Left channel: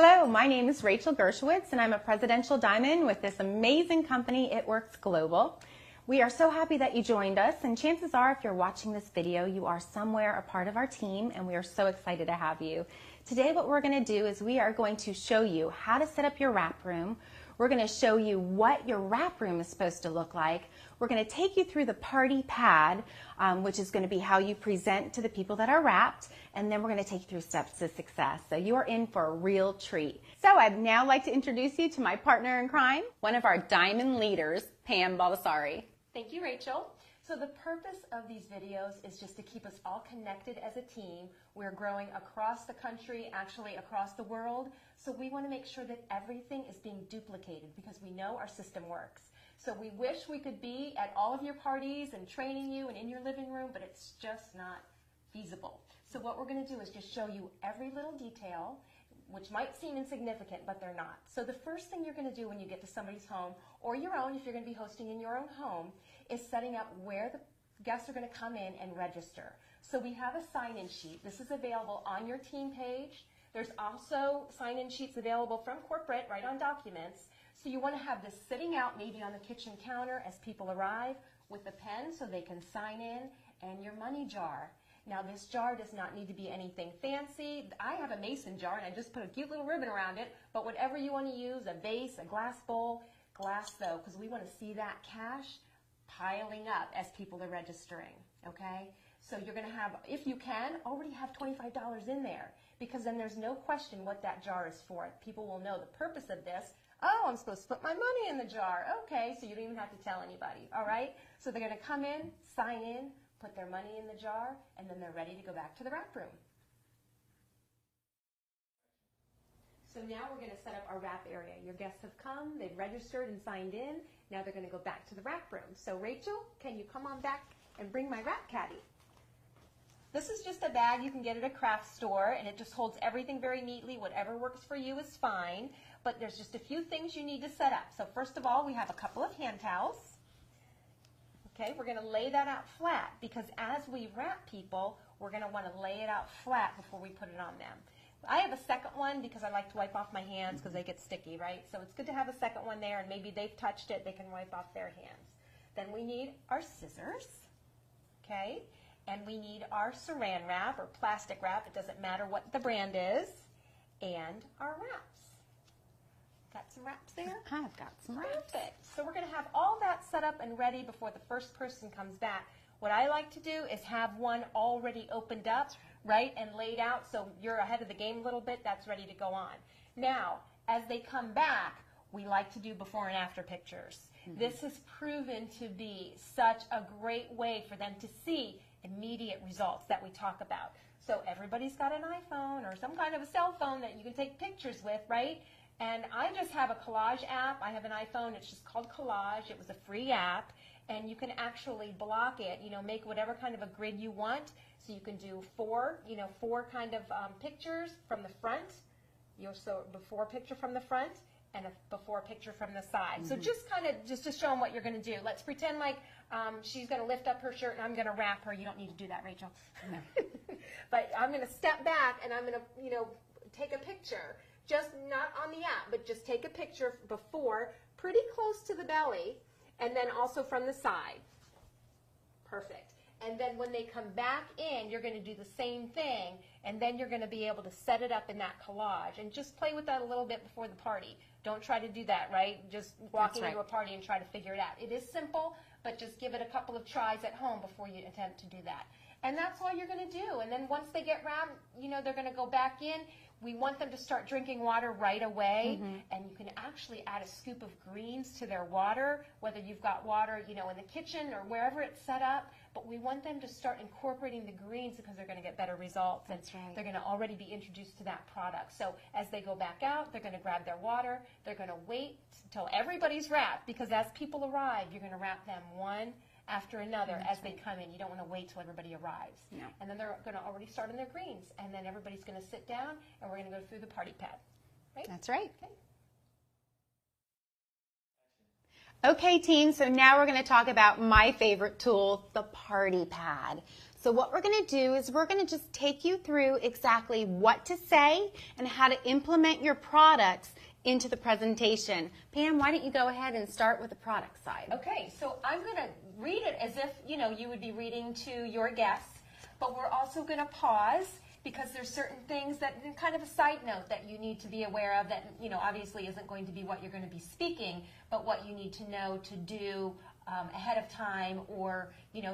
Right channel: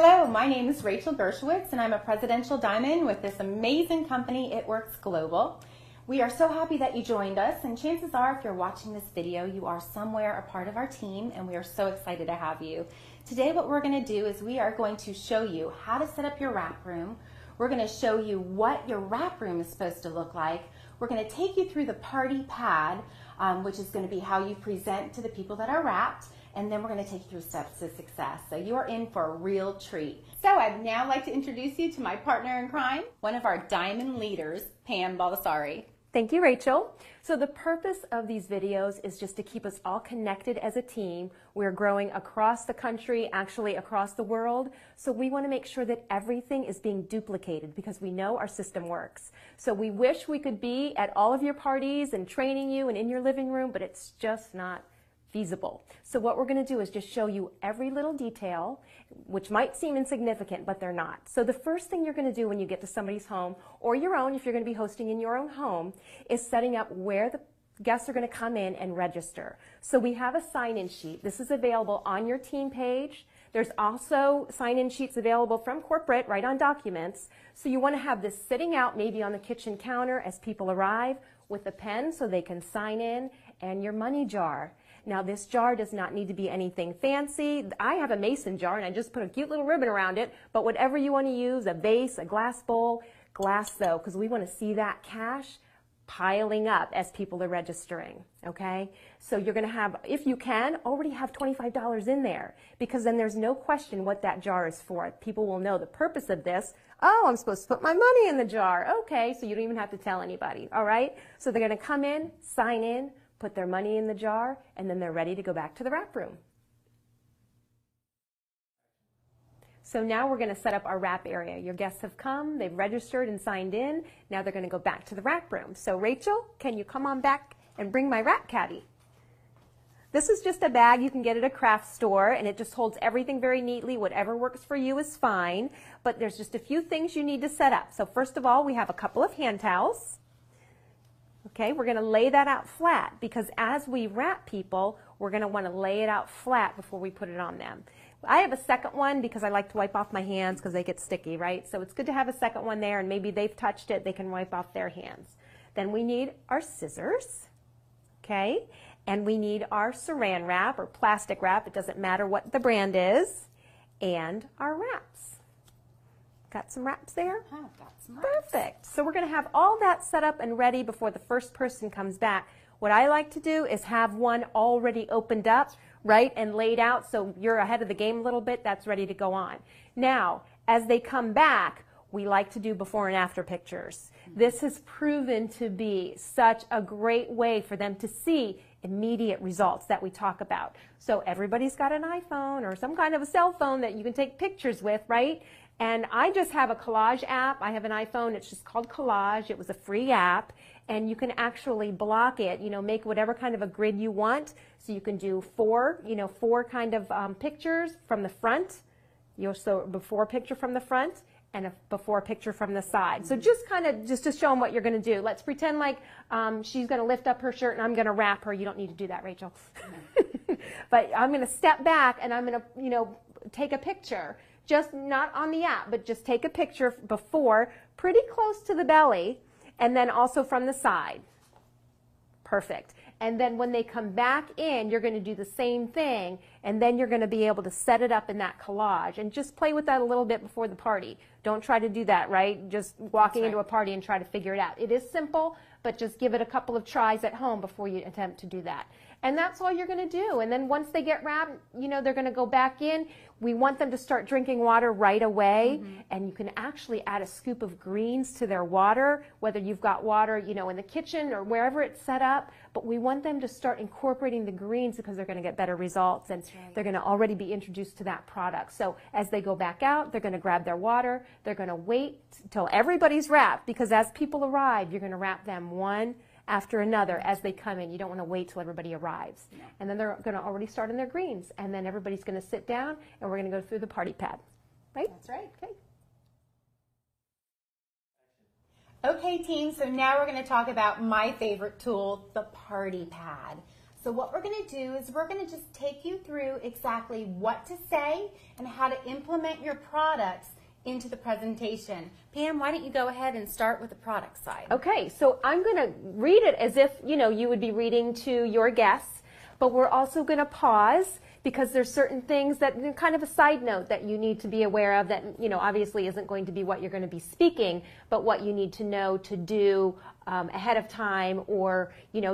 Hello, my name is Rachel Gershowitz and I'm a Presidential Diamond with this amazing company, It Works Global. We are so happy that you joined us, and chances are if you're watching this video, you are somewhere a part of our team, and we are so excited to have you. Today what we're going to do is we are going to show you how to set up your wrap room. We're going to show you what your wrap room is supposed to look like. We're going to take you through the party pad, which is going to be how you present to the people that are wrapped, and then we're going to take you through steps to success. So you are in for a real treat. So I'd now like to introduce you to my partner in crime, one of our diamond leaders, Pam Baldessari. Thank you, Rachel. So the purpose of these videos is just to keep us all connected as a team. We're growing across the country, actually across the world. So we want to make sure that everything is being duplicated because we know our system works. So we wish we could be at all of your parties and training you and in your living room, but it's just not feasible. So what we're going to do is just show you every little detail, which might seem insignificant, but they're not. So the first thing you're going to do when you get to somebody's home, or your own if you're going to be hosting in your own home, is setting up where the guests are going to come in and register. So we have a sign-in sheet. This is available on your team page. There's also sign-in sheets available from corporate right on documents. So you want to have this sitting out maybe on the kitchen counter as people arrive with a pen so they can sign in, and your money jar. Now this jar does not need to be anything fancy. I have a mason jar and I just put a cute little ribbon around it, but whatever you want to use, a vase, a glass bowl, glass though, because we want to see that cash piling up as people are registering, okay? So you're going to have, if you can, already have $25 in there, because then there's no question what that jar is for. People will know the purpose of this. Oh, I'm supposed to put my money in the jar. Okay, so you don't even have to tell anybody, all right? So they're going to come in, sign in, put their money in the jar, and then they're ready to go back to the wrap room. So now we're going to set up our wrap area. Your guests have come, they've registered and signed in. Now they're going to go back to the wrap room. So Rachel, can you come on back and bring my wrap caddy? This is just a bag you can get at a craft store, and it just holds everything very neatly. Whatever works for you is fine, but there's just a few things you need to set up. So first of all, we have a couple of hand towels. Okay, we're going to lay that out flat because as we wrap people, we're going to want to lay it out flat before we put it on them. I have a second one because I like to wipe off my hands because they get sticky, right? So it's good to have a second one there, and maybe they've touched it, they can wipe off their hands. Then we need our scissors, okay? And we need our saran wrap or plastic wrap, it doesn't matter what the brand is, and our wraps. Got some wraps there? I've got some wraps. Perfect. So we're going to have all that set up and ready before the first person comes back. What I like to do is have one already opened up, right, and laid out so you're ahead of the game a little bit. That's ready to go on. Now, as they come back, we like to do before and after pictures. This has proven to be such a great way for them to see immediate results that we talk about. So everybody's got an iPhone or some kind of a cell phone that you can take pictures with, right? And I just have a collage app. I have an iPhone. It's just called Collage. It was a free app. And you can actually block it, you know, make whatever kind of a grid you want. So you can do four kind of pictures from the front. So before picture from the front and a before picture from the side. So just kind of just to show them what you're going to do. Let's pretend like she's going to lift up her shirt and I'm going to wrap her. You don't need to do that, Rachel. No. But I'm going to step back and I'm going to, take a picture. Just not on the app, but just take a picture before, pretty close to the belly, and then also from the side. Perfect. And then when they come back in, you're going to do the same thing, and then you're going to be able to set it up in that collage. And just play with that a little bit before the party. Don't try to do that, right? Just walking into a party and try to figure it out. It is simple, but just give it a couple of tries at home before you attempt to do that. And that's all you're going to do. And then once they get wrapped, they're going to go back in. We want them to start drinking water right away. And you can actually add a scoop of greens to their water, whether you've got water, in the kitchen or wherever it's set up. But we want them to start incorporating the greens because they're going to get better results. And they're going to already be introduced to that product. So as they go back out, they're going to grab their water. They're going to wait till everybody's wrapped, because as people arrive, you're going to wrap them one after another as they come in. You don't want to wait till everybody arrives. No. And then they're going to already start on their greens. And then everybody's going to sit down and we're going to go through the party pad. Right? That's right. Okay. Okay, team, so now we're going to talk about my favorite tool, the party pad. So what we're going to do is we're going to just take you through exactly what to say and how to implement your products into the presentation. Pam, why don't you go ahead and start with the product side? Okay, so I'm going to read it as if, you would be reading to your guests, but we're also going to pause because there's certain things that, kind of a side note, that you need to be aware of that, obviously isn't going to be what you're going to be speaking, but what you need to know to do ahead of time or,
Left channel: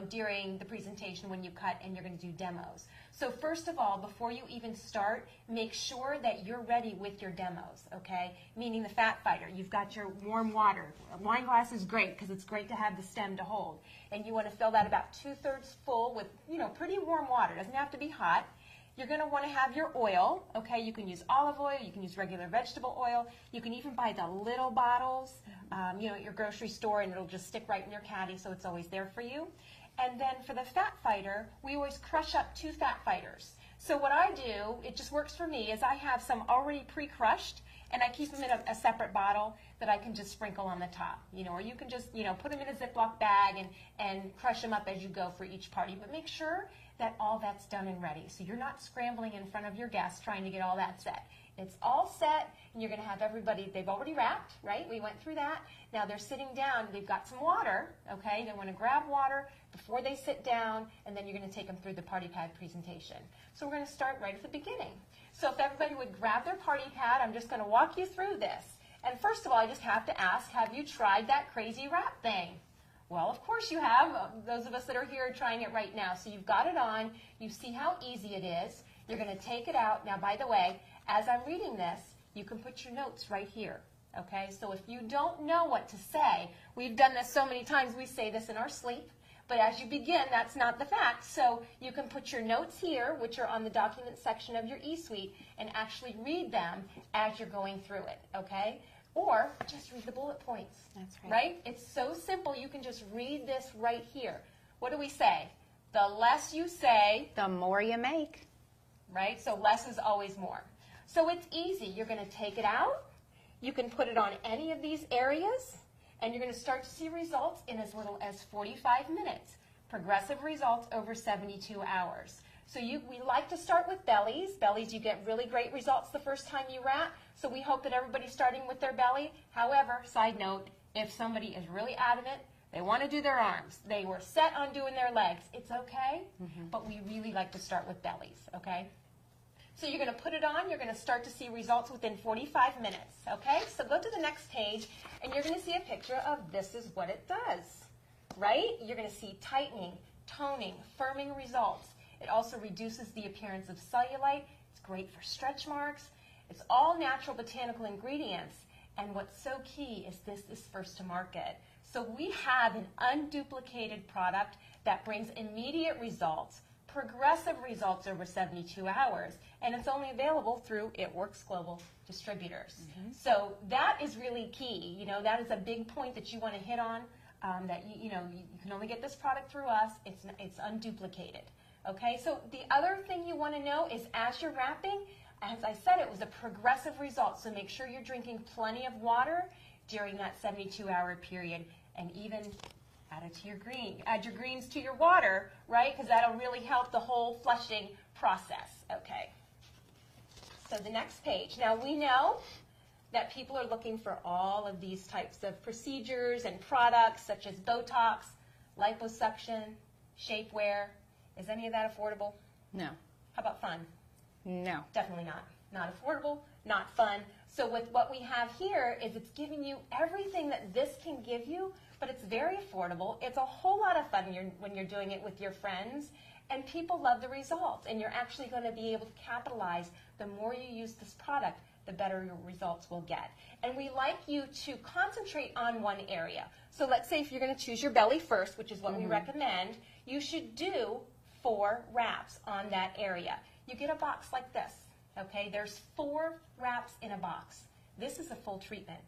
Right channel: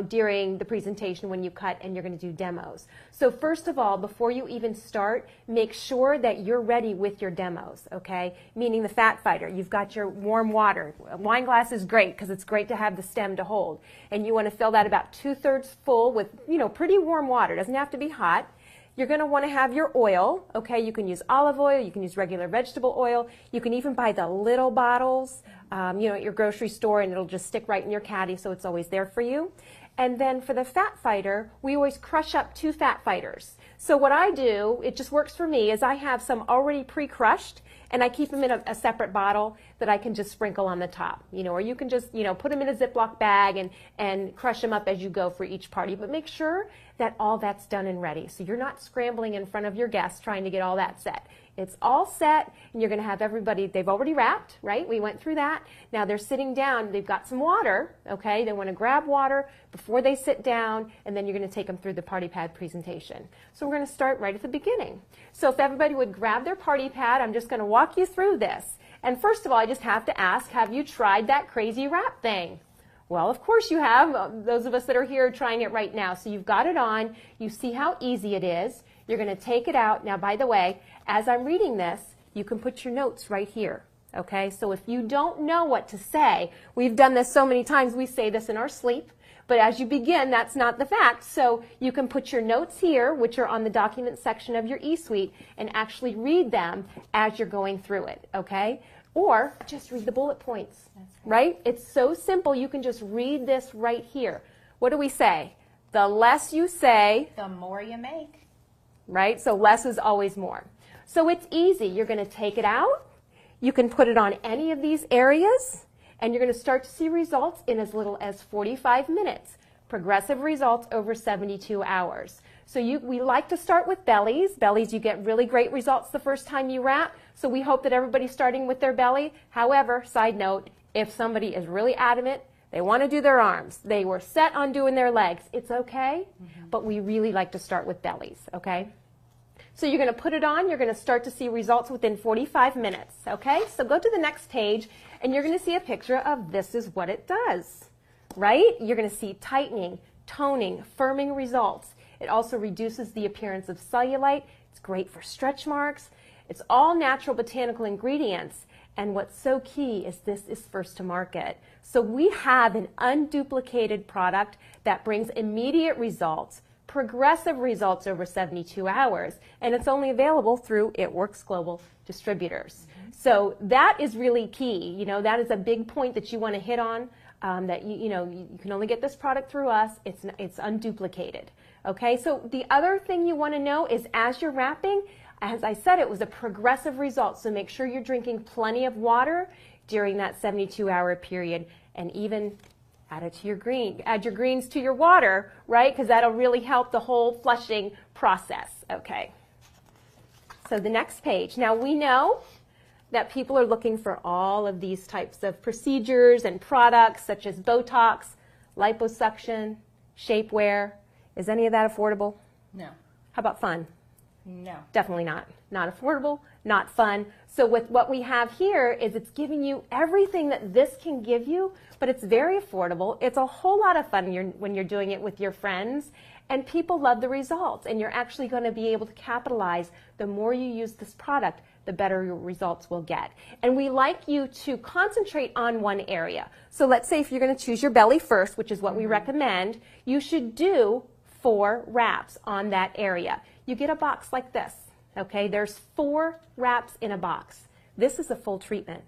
during the presentation when you cut and you're going to do demos. So first of all, before you even start, make sure that you're ready with your demos, okay? Meaning the fat fighter. You've got your warm water. A wine glass is great because it's great to have the stem to hold. And you want to fill that about 2/3 full with, pretty warm water. It doesn't have to be hot. You're going to want to have your oil, okay? You can use olive oil, you can use regular vegetable oil, you can even buy the little bottles, at your grocery store, and it'll just stick right in your caddy, so it's always there for you. And then for the fat fighter, we always crush up 2 fat fighters. So what I do, it just works for me, is I have some already pre-crushed, and I keep them in a separate bottle that I can just sprinkle on the top, or you can just, put them in a Ziploc bag and crush them up as you go for each party. But make sure that all that's done and ready. So you're not scrambling in front of your guests trying to get all that set. It's all set, and you're going to have everybody, they've already wrapped, right? We went through that. Now they're sitting down, they've got some water, okay? They want to grab water before they sit down, and then you're going to take them through the party pad presentation. So we're going to start right at the beginning. So if everybody would grab their party pad, I'm just going to walk you through this. And first of all, I just have to ask, have you tried that crazy wrap thing? Well, of course you have. Those of us that are here are trying it right now. So you've got it on. You see how easy it is. You're going to take it out. Now, by the way, as I'm reading this, you can put your notes right here. Okay? So if you don't know what to say, we've done this so many times, we say this in our sleep. But as you begin, that's not the fact. So you can put your notes here, which are on the document section of your eSuite, and actually read them as you're going through it. Okay? Or just read the bullet points. That's right. It's so simple. You can just read this right here. What do we say? The less you say, the more you make. Right? So less is always more. So it's easy. You're going to take it out. You can put it on any of these areas, and you're going to start to see results in as little as 45 minutes. Progressive results over 72 hours. So we like to start with bellies. Bellies, you get really great results the first time you wrap. So we hope that everybody's starting with their belly. However, side note, if somebody is really adamant, they want to do their arms, they were set on doing their legs, it's okay, but we really like to start with bellies, okay? So you're going to put it on. You're going to start to see results within 45 minutes, okay? So go to the next page, and you're going to see a picture of this is what it does, right? You're going to see tightening, toning, firming results. It also reduces the appearance of cellulite. It's great for stretch marks. It's all natural botanical ingredients. And what's so key is this is first to market. So we have an unduplicated product that brings immediate results, progressive results over 72 hours. And it's only available through It Works Global Distributors. So that is really key. That is a big point that you want to hit on, that you can only get this product through us. It's unduplicated. Okay, so the other thing you want to know is as you're wrapping, as I said, it was a progressive result. So make sure you're drinking plenty of water during that 72-hour period, and even add your greens to your water, right? Because that'll really help the whole flushing process. Okay. So the next page. Now we know that people are looking for all of these types of procedures and products such as Botox, liposuction, shapewear. Is any of that affordable? No. How about fun? No. Definitely not. Not affordable, not fun. So with what we have here is it's giving you everything that this can give you, but it's very affordable. It's a whole lot of fun when you're doing it with your friends, and people love the results, and you're actually going to be able to capitalize. The more you use this product, the better your results will get. And we like you to concentrate on one area. So let's say if you're going to choose your belly first, which is what we recommend, you should do 4 wraps on that area. You get a box like this, okay? There's 4 wraps in a box. This is a full treatment.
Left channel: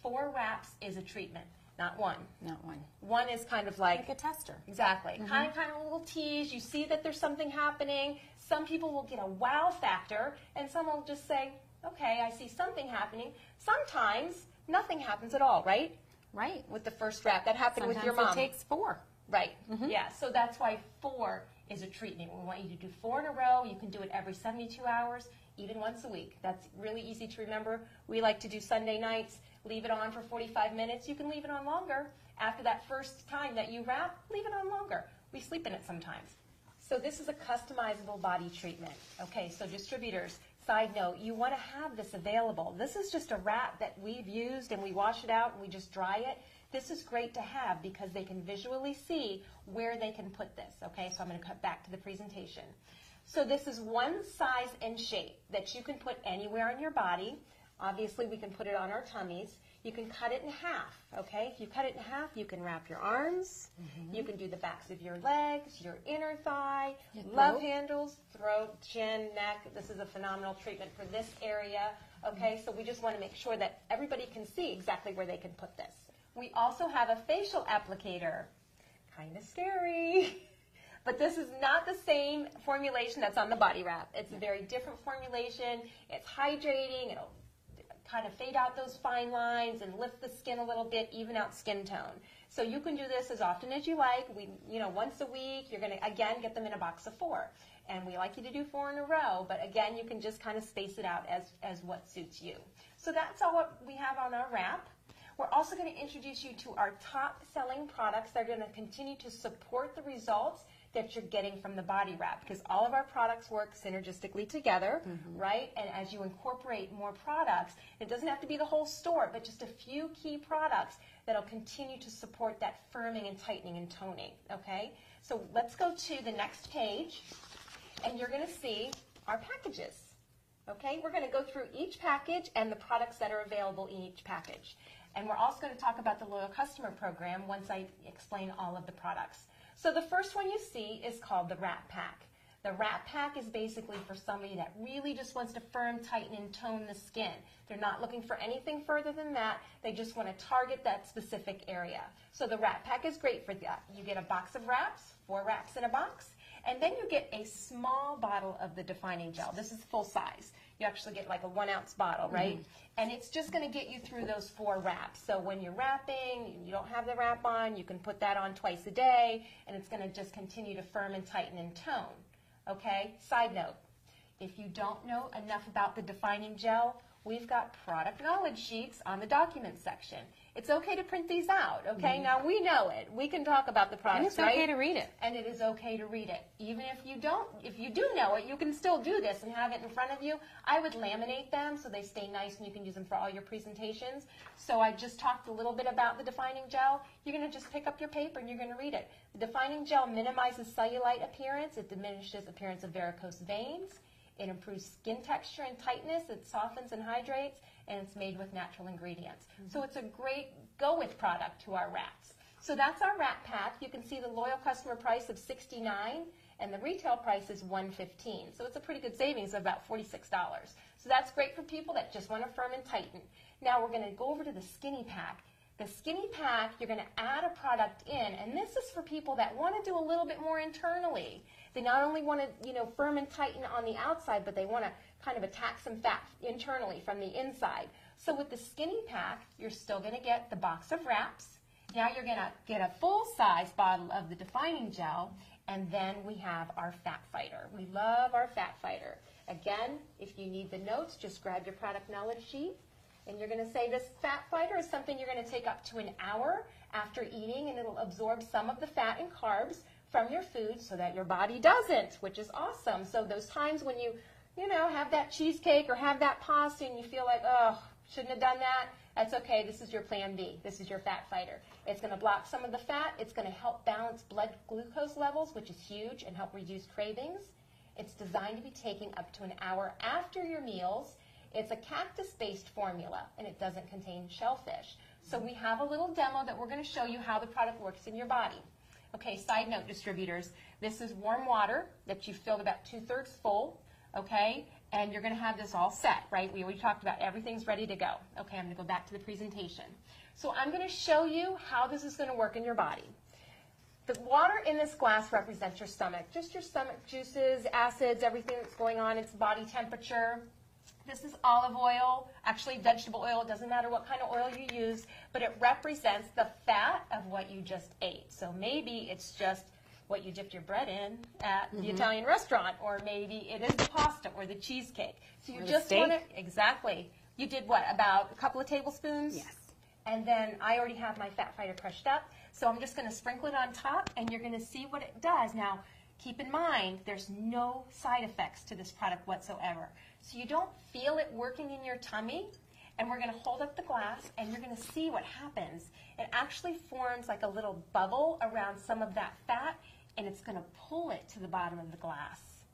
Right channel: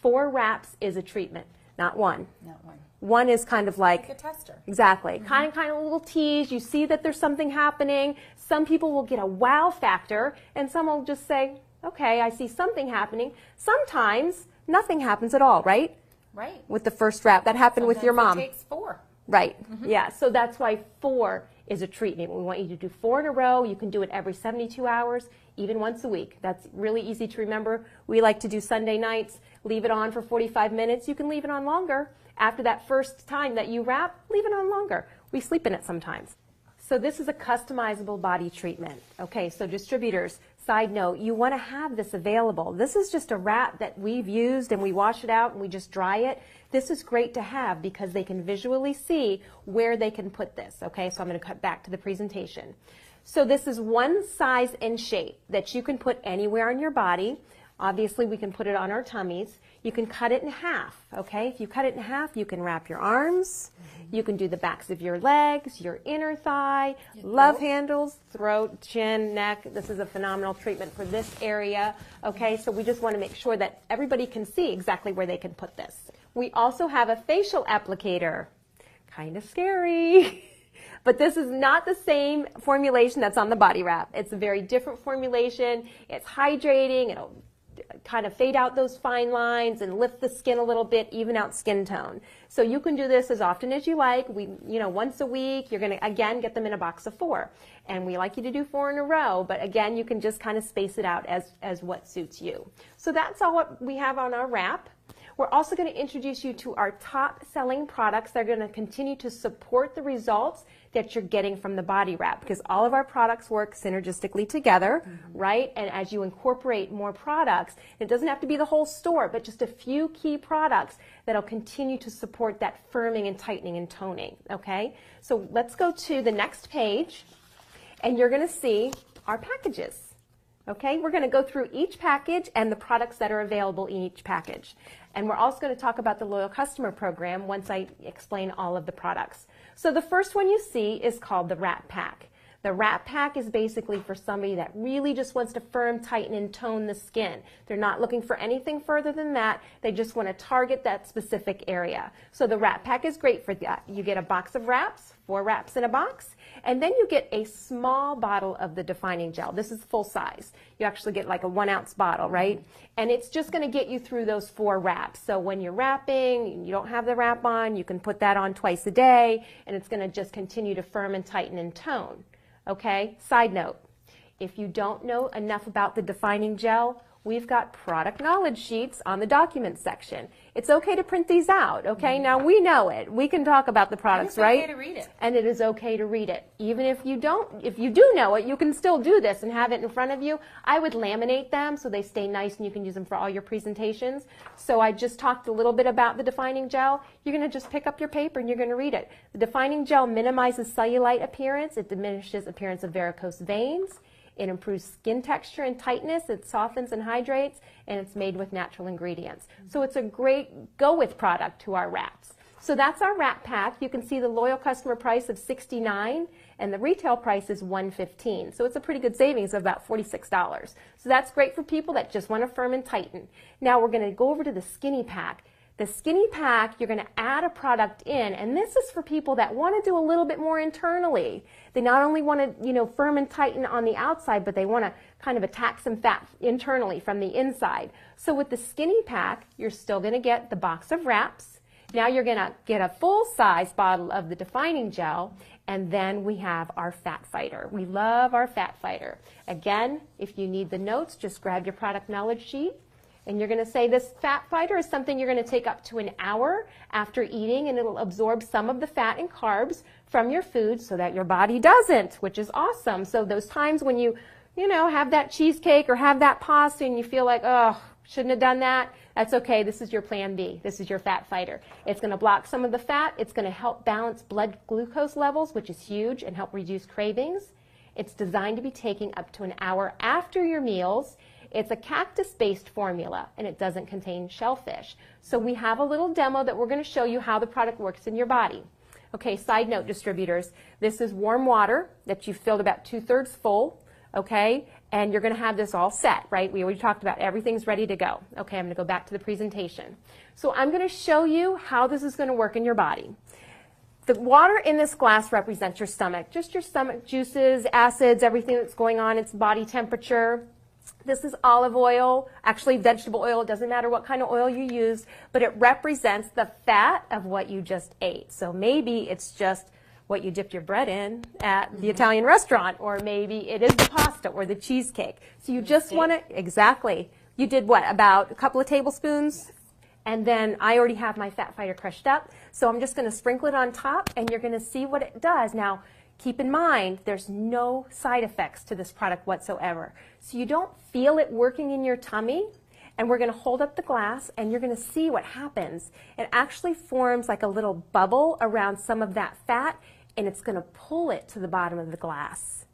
4 wraps is a treatment, not one. Not one. One is kind of like a tester. Exactly. Kind of a little tease. You see that there's something happening. Some people will get a wow factor, and some will just say, okay, I see something happening. Sometimes nothing happens at all, right? Right. With the first wrap. That happened with your mom. It takes 4. Right. Yeah. So that's why 4 is a treatment. We want you to do 4 in a row. You can do it every 72 hours, even once a week. That's really easy to remember. We like to do Sunday nights, leave it on for 45 minutes. You can leave it on longer. After that first time that you wrap, leave it on longer. We sleep in it sometimes. So this is a customizable body treatment. Okay, so distributors, side note, you want to have this available. This is just a wrap that we've used and we wash it out and we just dry it. This is great to have because they can visually see where they can put this. Okay, so I'm going to cut back to the presentation. So this is one size and shape that you can put anywhere on your body. Obviously, we can put it on our tummies. You can cut it in half, okay? If you cut it in half, you can wrap your arms. You can do the backs of your legs, your inner thigh, love handles, throat, chin, neck. This is a phenomenal treatment for this area, okay? So we just want to make sure that everybody can see exactly where they can put this. We also have a facial applicator. Kind of scary. But this is not the same formulation that's on the body wrap. It's a very different formulation. It's hydrating. It'll kind of fade out those fine lines and lift the skin a little bit, even out skin tone. So you can do this as often as you like. Once a week, you're going to, again, get them in a box of 4. And we like you to do 4 in a row, but again, you can just kind of space it out as what suits you. So that's all what we have on our wrap. We're also going to introduce you to our top selling products that are going to continue to support the results that you're getting from the body wrap, because all of our products work synergistically together, right? And as you incorporate more products, it doesn't have to be the whole store, but just a few key products that'll continue to support that firming and tightening and toning, okay? So let's go to the next page, and you're going to see our packages. Okay, we're going to go through each package and the products that are available in each package. And we're also going to talk about the Loyal Customer Program once I explain all of the products. So the first one you see is called the Wrap Pack. The Wrap Pack is basically for somebody that really just wants to firm, tighten, and tone the skin. They're not looking for anything further than that. They just want to target that specific area. So the Wrap Pack is great for that. You get a box of wraps, 4 wraps in a box, and then you get a small bottle of the defining gel. This is full size. You actually get like a 1-ounce bottle, right? And it's just going to get you through those 4 wraps. So when you're wrapping, you don't have the wrap on, you can put that on twice a day, and it's going to just continue to firm and tighten and tone. Okay, side note, if you don't know enough about the defining gel, we've got product knowledge sheets on the document section. It's okay to print these out, okay? Now we know it. We can talk about the products, right? And it's okay to read it. And it is okay to read it. Even if you don't, if you do know it, you can still do this and have it in front of you. I would laminate them so they stay nice and you can use them for all your presentations. So I just talked a little bit about the defining gel. You're going to just pick up your paper and you're going to read it. The defining gel minimizes cellulite appearance. It diminishes appearance of varicose veins. It improves skin texture and tightness, it softens and hydrates, and it's made with natural ingredients. So it's a great go-with product to our wraps. So that's our wrap pack. You can see the loyal customer price of $69, and the retail price is $115. So it's a pretty good savings of about $46. So that's great for people that just want to firm and tighten. Now we're going to go over to the skinny pack. The skinny pack, you're going to add a product in, and this is for people that want to do a little bit more internally. They not only want to, firm and tighten on the outside, but they want to kind of attack some fat internally from the inside. So with the skinny pack, you're still going to get the box of wraps. Now you're going to get a full-size bottle of the defining gel, and then we have our fat fighter. We love our fat fighter. Again, if you need the notes, just grab your product knowledge sheet. And you're going to say this fat fighter is something you're going to take up to an hour after eating, and it'll absorb some of the fat and carbs from your food so that your body doesn't, which is awesome. So those times when you have that cheesecake or have that pasta and you feel like, oh, shouldn't have done that, that's okay. This is your plan B. This is your fat fighter. It's going to block some of the fat. It's going to help balance blood glucose levels, which is huge, and help reduce cravings. It's designed to be taken up to an hour after your meals. It's a cactus-based formula, and it doesn't contain shellfish. So we have a little demo that we're going to show you how the product works in your body. Okay, side note, distributors, this is warm water that you've filled about 2/3 full, okay? And you're going to have this all set, right? We already talked about everything's ready to go. Okay, I'm going to go back to the presentation. So I'm going to show you how this is going to work in your body. The water in this glass represents your stomach, just your stomach juices, acids, everything that's going on. It's body temperature. This is olive oil, actually vegetable oil. It doesn't matter what kind of oil you use, but it represents the fat of what you just ate. So maybe it's just what you dipped your bread in at the Italian restaurant, or maybe it is the pasta or the cheesecake. So you just want to, exactly. You did what, about a couple of tablespoons? Yes. And then I already have my fat fighter crushed up, so I'm just going to sprinkle it on top, and you're going to see what it does. Now, keep in mind, there's no side effects to this product whatsoever. So you don't feel it working in your tummy, and we're going to hold up the glass, and you're going to see what happens. It actually forms like a little bubble around some of that fat, and it's going to pull it to the bottom of the glass.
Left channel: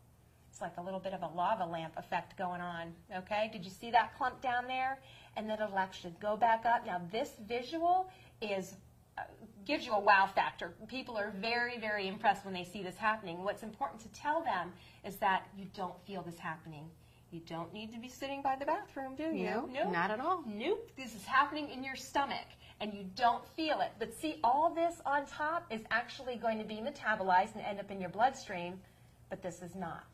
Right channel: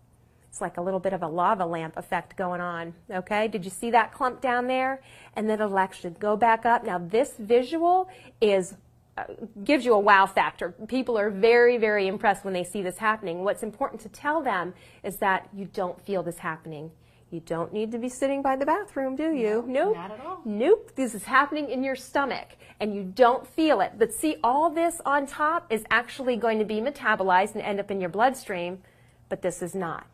It's like a little bit of a lava lamp effect going on, okay? Did you see that clump down there? And then it'll actually go back up. Now, this visual is gives you a wow factor. People are very, very impressed when they see this happening. What's important to tell them is that you don't feel this happening. You don't need to be sitting by the bathroom, do you? No, nope. Not at all. Nope. This is happening in your stomach, and you don't feel it. But see, all this on top is actually going to be metabolized and end up in your bloodstream, but this is not.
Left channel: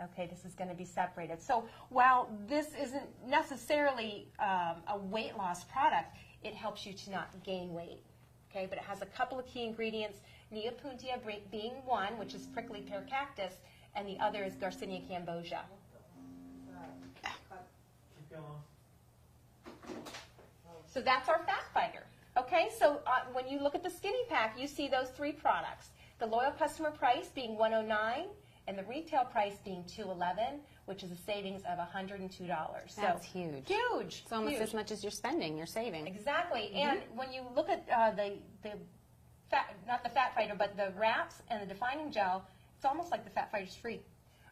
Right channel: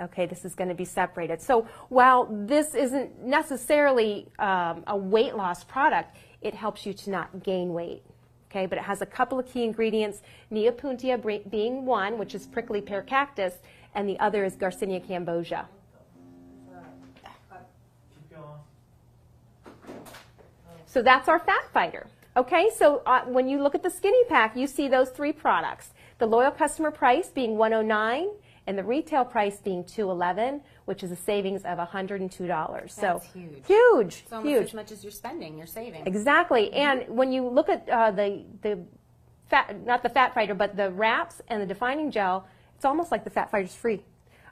Okay, this is going to be separated. So while this isn't necessarily a weight loss product, it helps you to not gain weight. Okay, but it has a couple of key ingredients, Neopuntia being one, which is prickly pear cactus, and the other is Garcinia cambogia. So that's our fat fighter. Okay, so when you look at the skinny pack, you see those three products. The loyal customer price being $109 and the retail price being $211, which is a savings of $102. That's so huge. Huge. It's almost as much as you're spending, you're saving. Exactly. And when you look at the fat, not the fat fighter, but the wraps and the defining gel, it's almost like the fat fighter's free.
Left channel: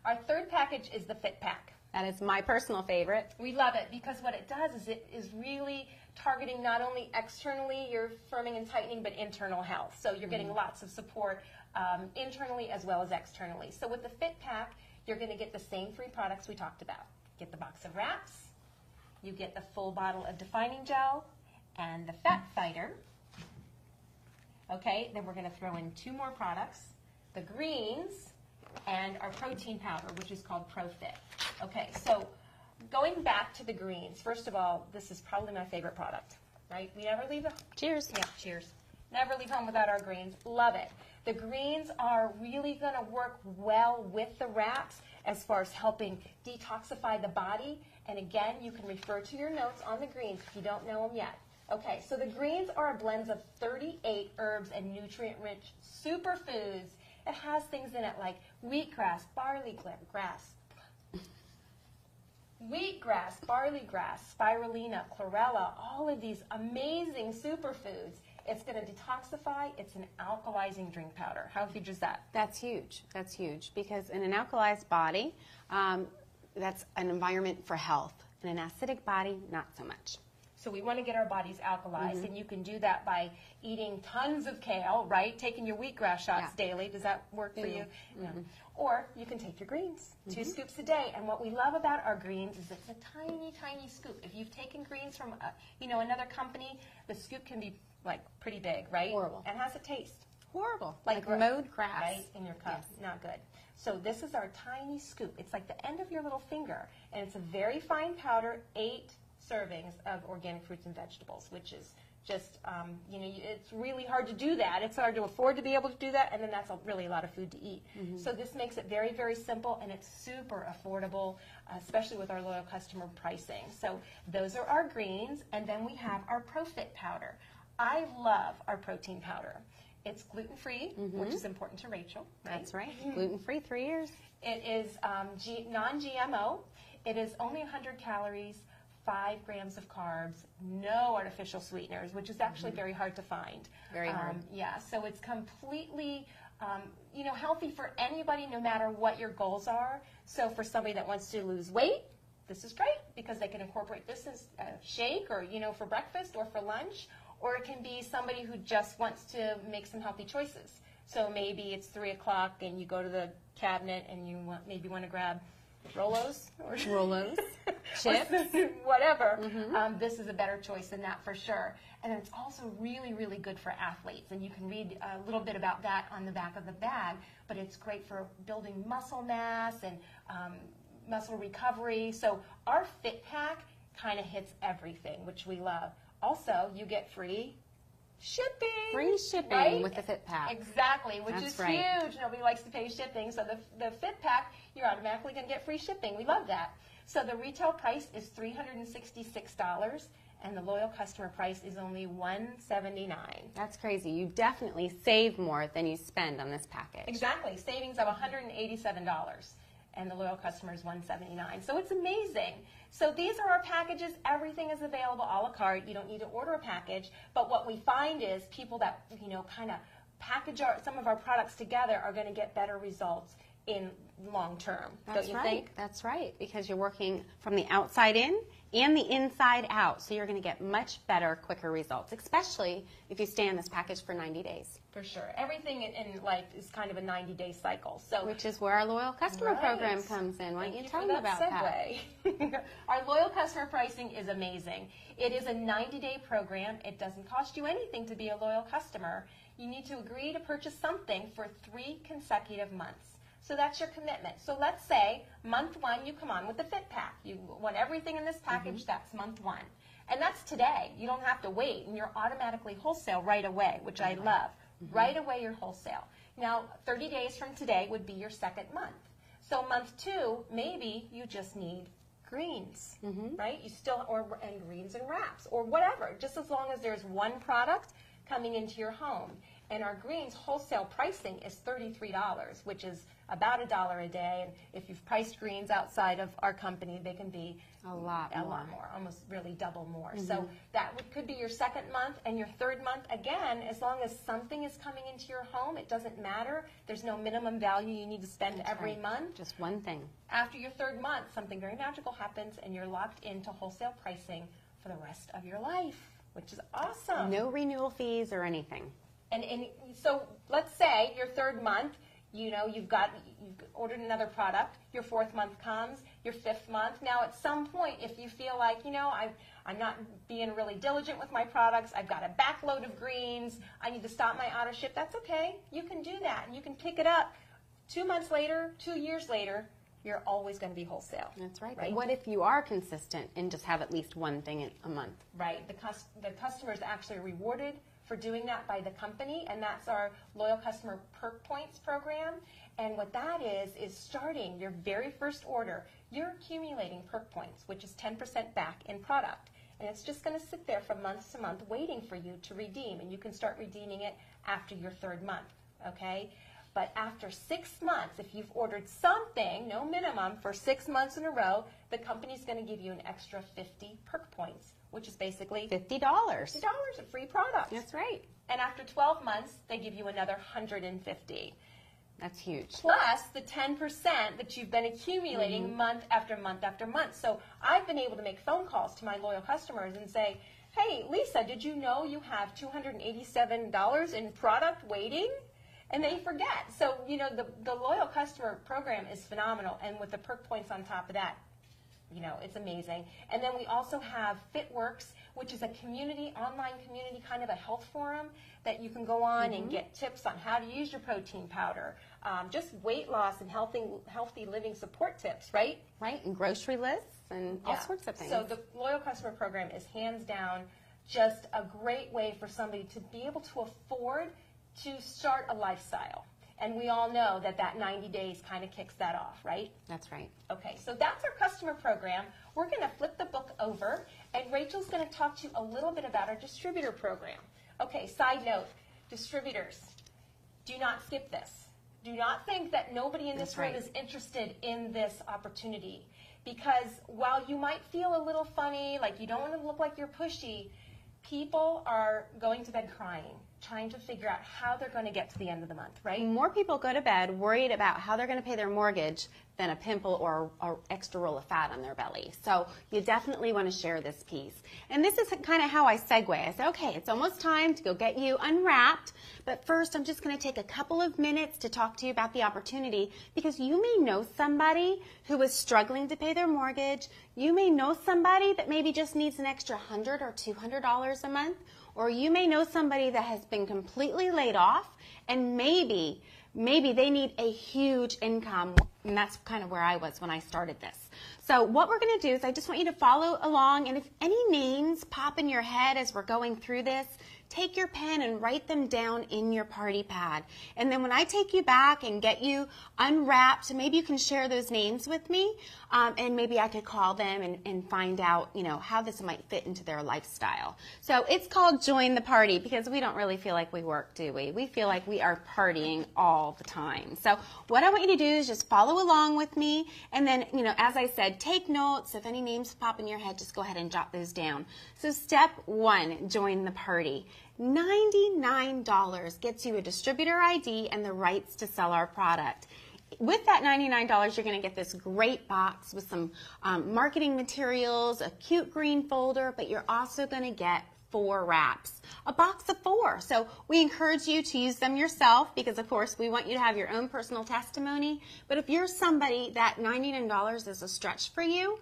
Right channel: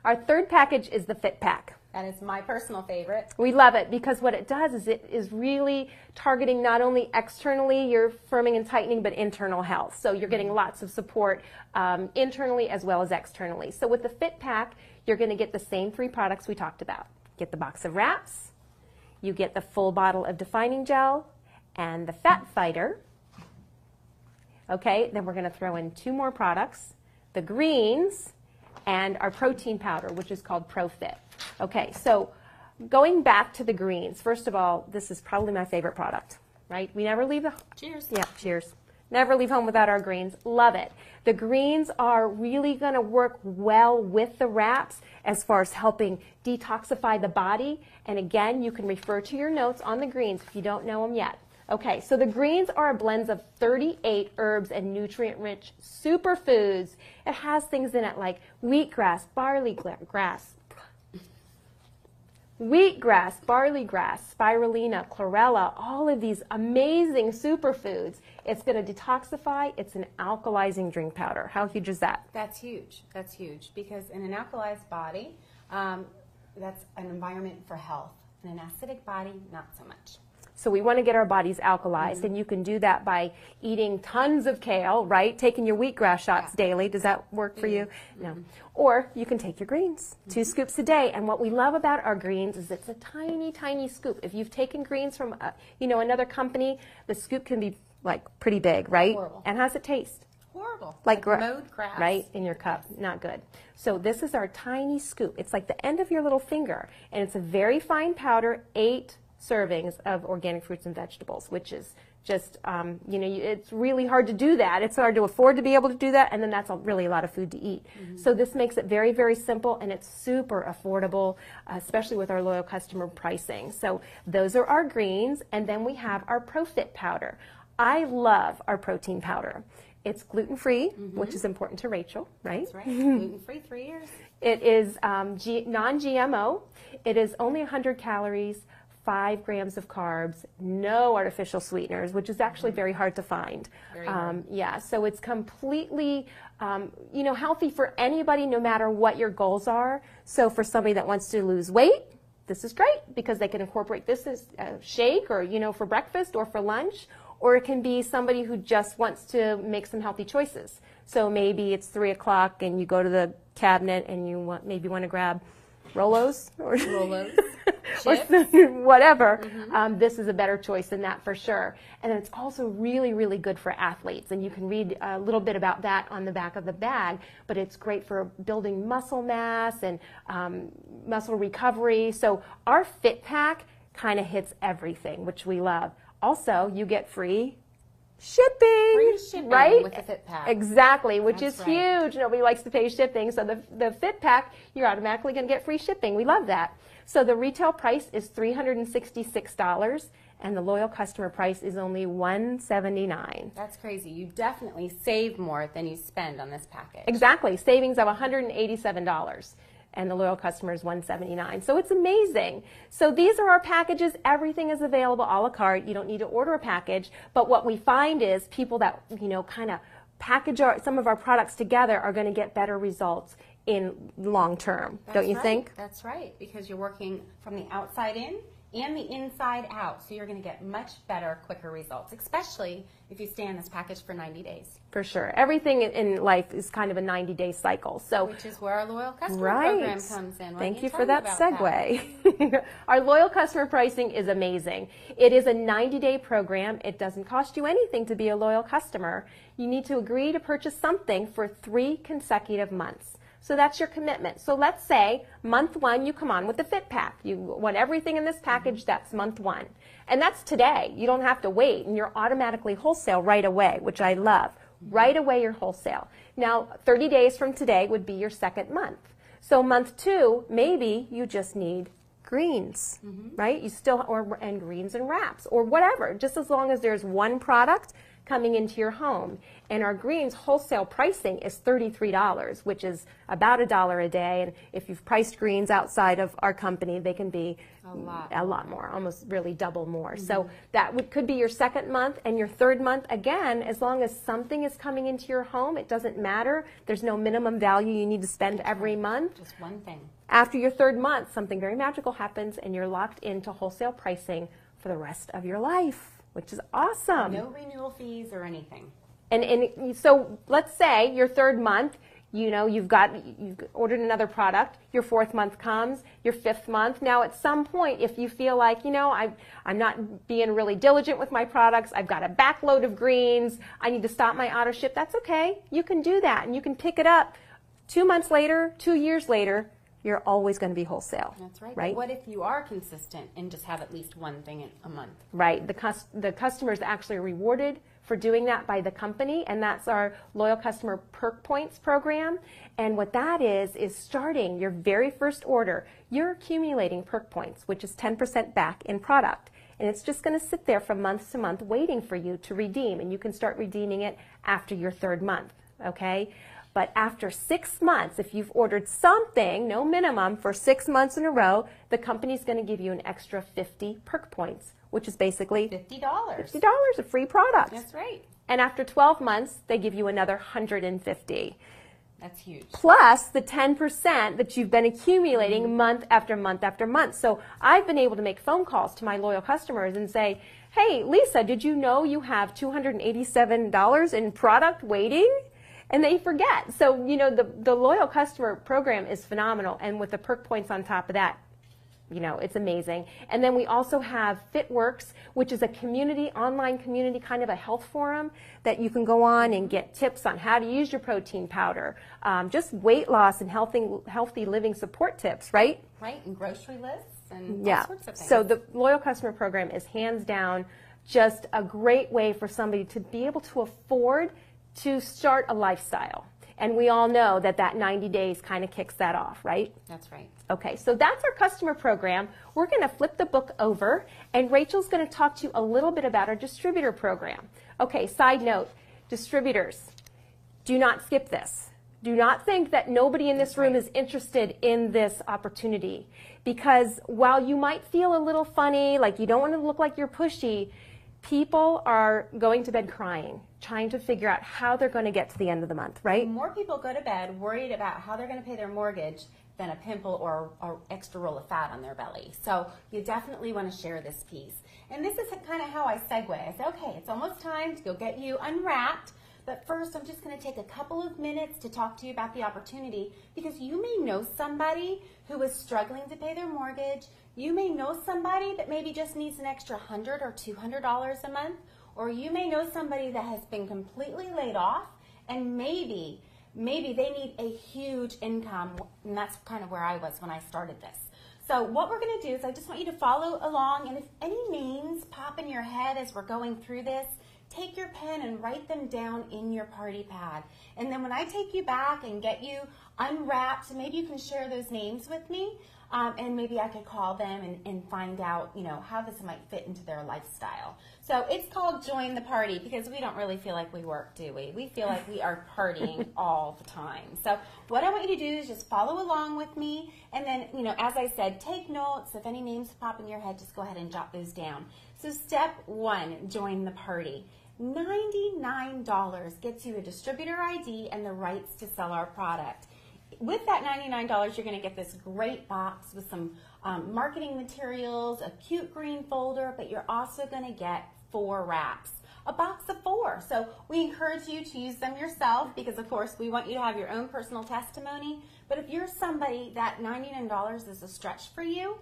Our third package is the fit pack. And it's my personal favorite. We love it because what it does is it is really targeting not only externally your firming and tightening, but internal health. So you're getting lots of support internally as well as externally. So with the Fit Pack, you're going to get the same three products we talked about. Get the box of wraps, you get the full bottle of defining gel, and the Fat Fighter. Okay, then we're going to throw in two more products, the greens, and our protein powder, which is called ProFit. Okay, so going back to the greens, first of all, this is probably my favorite product, right? We never leave the... Cheers. Yeah, cheers. Never leave home without our greens. Love it. The greens are really going to work well with the wraps as far as helping detoxify the body. And again, you can refer to your notes on the greens if you don't know them yet. Okay, so the greens are a blend of 38 herbs and nutrient-rich superfoods. It has things in it like wheatgrass, barley grass, spirulina, chlorella, all of these amazing superfoods. It's going to detoxify. It's an alkalizing drink powder. How huge is that? That's huge. That's huge because in an alkalized body, that's an environment for health. In an acidic body, not so much. So we want to get our bodies alkalized, and you can do that by eating tons of kale, right? Taking your wheatgrass shots daily. Does that work for you? No. Or you can take your greens, 2 scoops a day. And what we love about our greens is it's a tiny, tiny scoop. If you've taken greens from, another company, the scoop can be like pretty big, right? Horrible. And how's it taste? Horrible. Like mowed grass. Right, in your cup. Not good. So this is our tiny scoop. It's like the end of your little finger, and it's a very fine powder, 8 servings of organic fruits and vegetables, which is just, it's really hard to do that. It's hard to afford to be able to do that, and then that's really a lot of food to eat. So this makes it very, very simple, and it's super affordable, especially with our loyal customer pricing. So those are our greens, and then we have our ProFit powder. I love our protein powder. It's gluten-free, which is important to Rachel, right? That's right. Gluten-free, 3 years. It is non-GMO. It is only 100 calories, 5 grams of carbs, no artificial sweeteners, which is actually very hard to find. Very hard. Yeah, so it's completely, healthy for anybody, no matter what your goals are. So for somebody that wants to lose weight, this is great because they can incorporate this as a shake or, for breakfast or for lunch. Or it can be somebody who just wants to make some healthy choices. So maybe it's 3 o'clock and you go to the cabinet and you maybe want to grab Rolos or Rolos, or chips. whatever, this is a better choice than that for sure. And it's also really, really good for athletes. And you can read a little bit about that on the back of the bag, but it's great for building muscle mass and muscle recovery. So our Fit Pack kind of hits everything, which we love. Also, you get free shipping, right? With the Fit Pack. Exactly, which That's is right. huge. Nobody likes to pay shipping, so the Fit Pack, you're automatically going to get free shipping. We love that. So the retail price is $366, and the loyal customer price is only $179. That's crazy. You definitely save more than you spend on this package. Exactly, savings of $187. And the loyal customer is $179. So it's amazing. So these are our packages. Everything is available a la carte. You don't need to order a package. But what we find is people that, kind of package some of our products together are going to get better results in long term. Don't you think? That's right, because you're working from the outside in and the inside out. So you're going to get much better, quicker results, especially if you stay in this package for 90 days. For sure. Everything in life is kind of a 90-day cycle. So, which is where our loyal customer program comes in. Thank you for that segue. Our loyal customer pricing is amazing. It is a 90-day program. It doesn't cost you anything to be a loyal customer. You need to agree to purchase something for 3 consecutive months. So that's your commitment. So let's say month 1, you come on with the Fit Pack. You want everything in this package, that's month 1. And that's today. You don't have to wait, and you're automatically wholesale right away, which I love. Right away, you're wholesale. Now, 30 days from today would be your second month. So month 2, maybe you just need greens, right? You still, and greens and wraps, or whatever, just as long as there's one product coming into your home. And our greens wholesale pricing is $33, which is about $1 a day. And if you've priced greens outside of our company, they can be a lot more, almost really double more. So that could be your second month, and your third month, again, as long as something is coming into your home, it doesn't matter. There's no minimum value you need to spend every month. Just one thing. After your third month, something very magical happens, and you're locked into wholesale pricing for the rest of your life, which is awesome. No renewal fees or anything. And so let's say your third month, you've ordered another product, your fourth month comes, your fifth month. Now at some point, if you feel like, I'm not being really diligent with my products, I've got a backload of greens, I need to stop my auto ship, that's okay. You can do that, and you can pick it up 2 months later, 2 years later. You're always going to be wholesale. That's right. Right? What if you are consistent and just have at least one thing a month? Right. The customer is actually rewarded for doing that by the company, and that's our Loyal Customer Perk Points program. And what that is starting your very first order, you're accumulating perk points, which is 10% back in product. And it's just going to sit there from month to month waiting for you to redeem, and you can start redeeming it after your third month, okay? But after 6 months, if you've ordered something, no minimum, for 6 months in a row, the company's going to give you an extra 50 perk points, which is basically $50. $50 of free product. That's right. And after 12 months, they give you another 150. That's huge. Plus the 10% that you've been accumulating month after month after month. So I've been able to make phone calls to my loyal customers and say, hey, Lisa, did you know you have $287 in product waiting? And they forget. So, the loyal customer program is phenomenal. And with the perk points on top of that, it's amazing. And then we also have FitWorks, which is a online community, kind of a health forum that you can go on and get tips on how to use your protein powder, just weight loss and healthy living support tips, right? Right, and grocery lists and all sorts of things. So the loyal customer program is hands down just a great way for somebody to be able to afford to start a lifestyle. And we all know that 90 days kind of kicks that off, right? That's right. Okay, so that's our customer program. We're going to flip the book over, and Rachel's going to talk to you a little bit about our distributor program. Okay, side note, distributors, do not skip this. Do not think that nobody in this room is interested in this opportunity, because while you might feel a little funny, like you don't want to look like you're pushy, people are going to bed crying, trying to figure out how they're going to get to the end of the month, right? More people go to bed worried about how they're going to pay their mortgage than a pimple or extra roll of fat on their belly. So you definitely want to share this piece. And this is kind of how I segue. I said, okay, it's almost time to go get you unwrapped. But first, I'm just going to take a couple of minutes to talk to you about the opportunity, because you may know somebody who is struggling to pay their mortgage. You may know somebody that maybe just needs an extra $100 or $200 a month, or you may know somebody that has been completely laid off, and maybe they need a huge income, and that's kind of where I was when I started this. So what we're going to do is I just want you to follow along, and if any names pop in your head as we're going through this, take your pen and write them down in your party pad. And then when I take you back and get you unwrapped, maybe you can share those names with me, and maybe I could call them and find out, you know, how this might fit into their lifestyle. So it's called Join the Party, because we don't really feel like we work, do we? We feel like we are partying all the time. So what I want you to do is just follow along with me, and then, you know, as I said, take notes. If any names pop in your head, just go ahead and jot those down. So step 1, join the party. $99 gets you a distributor ID and the rights to sell our product. With that $99, you're going to get this great box with some marketing materials, a cute green folder, but you're also going to get 4 wraps, a box of 4. So we encourage you to use them yourself, because of course we want you to have your own personal testimony. But if you're somebody that $99 is a stretch for you,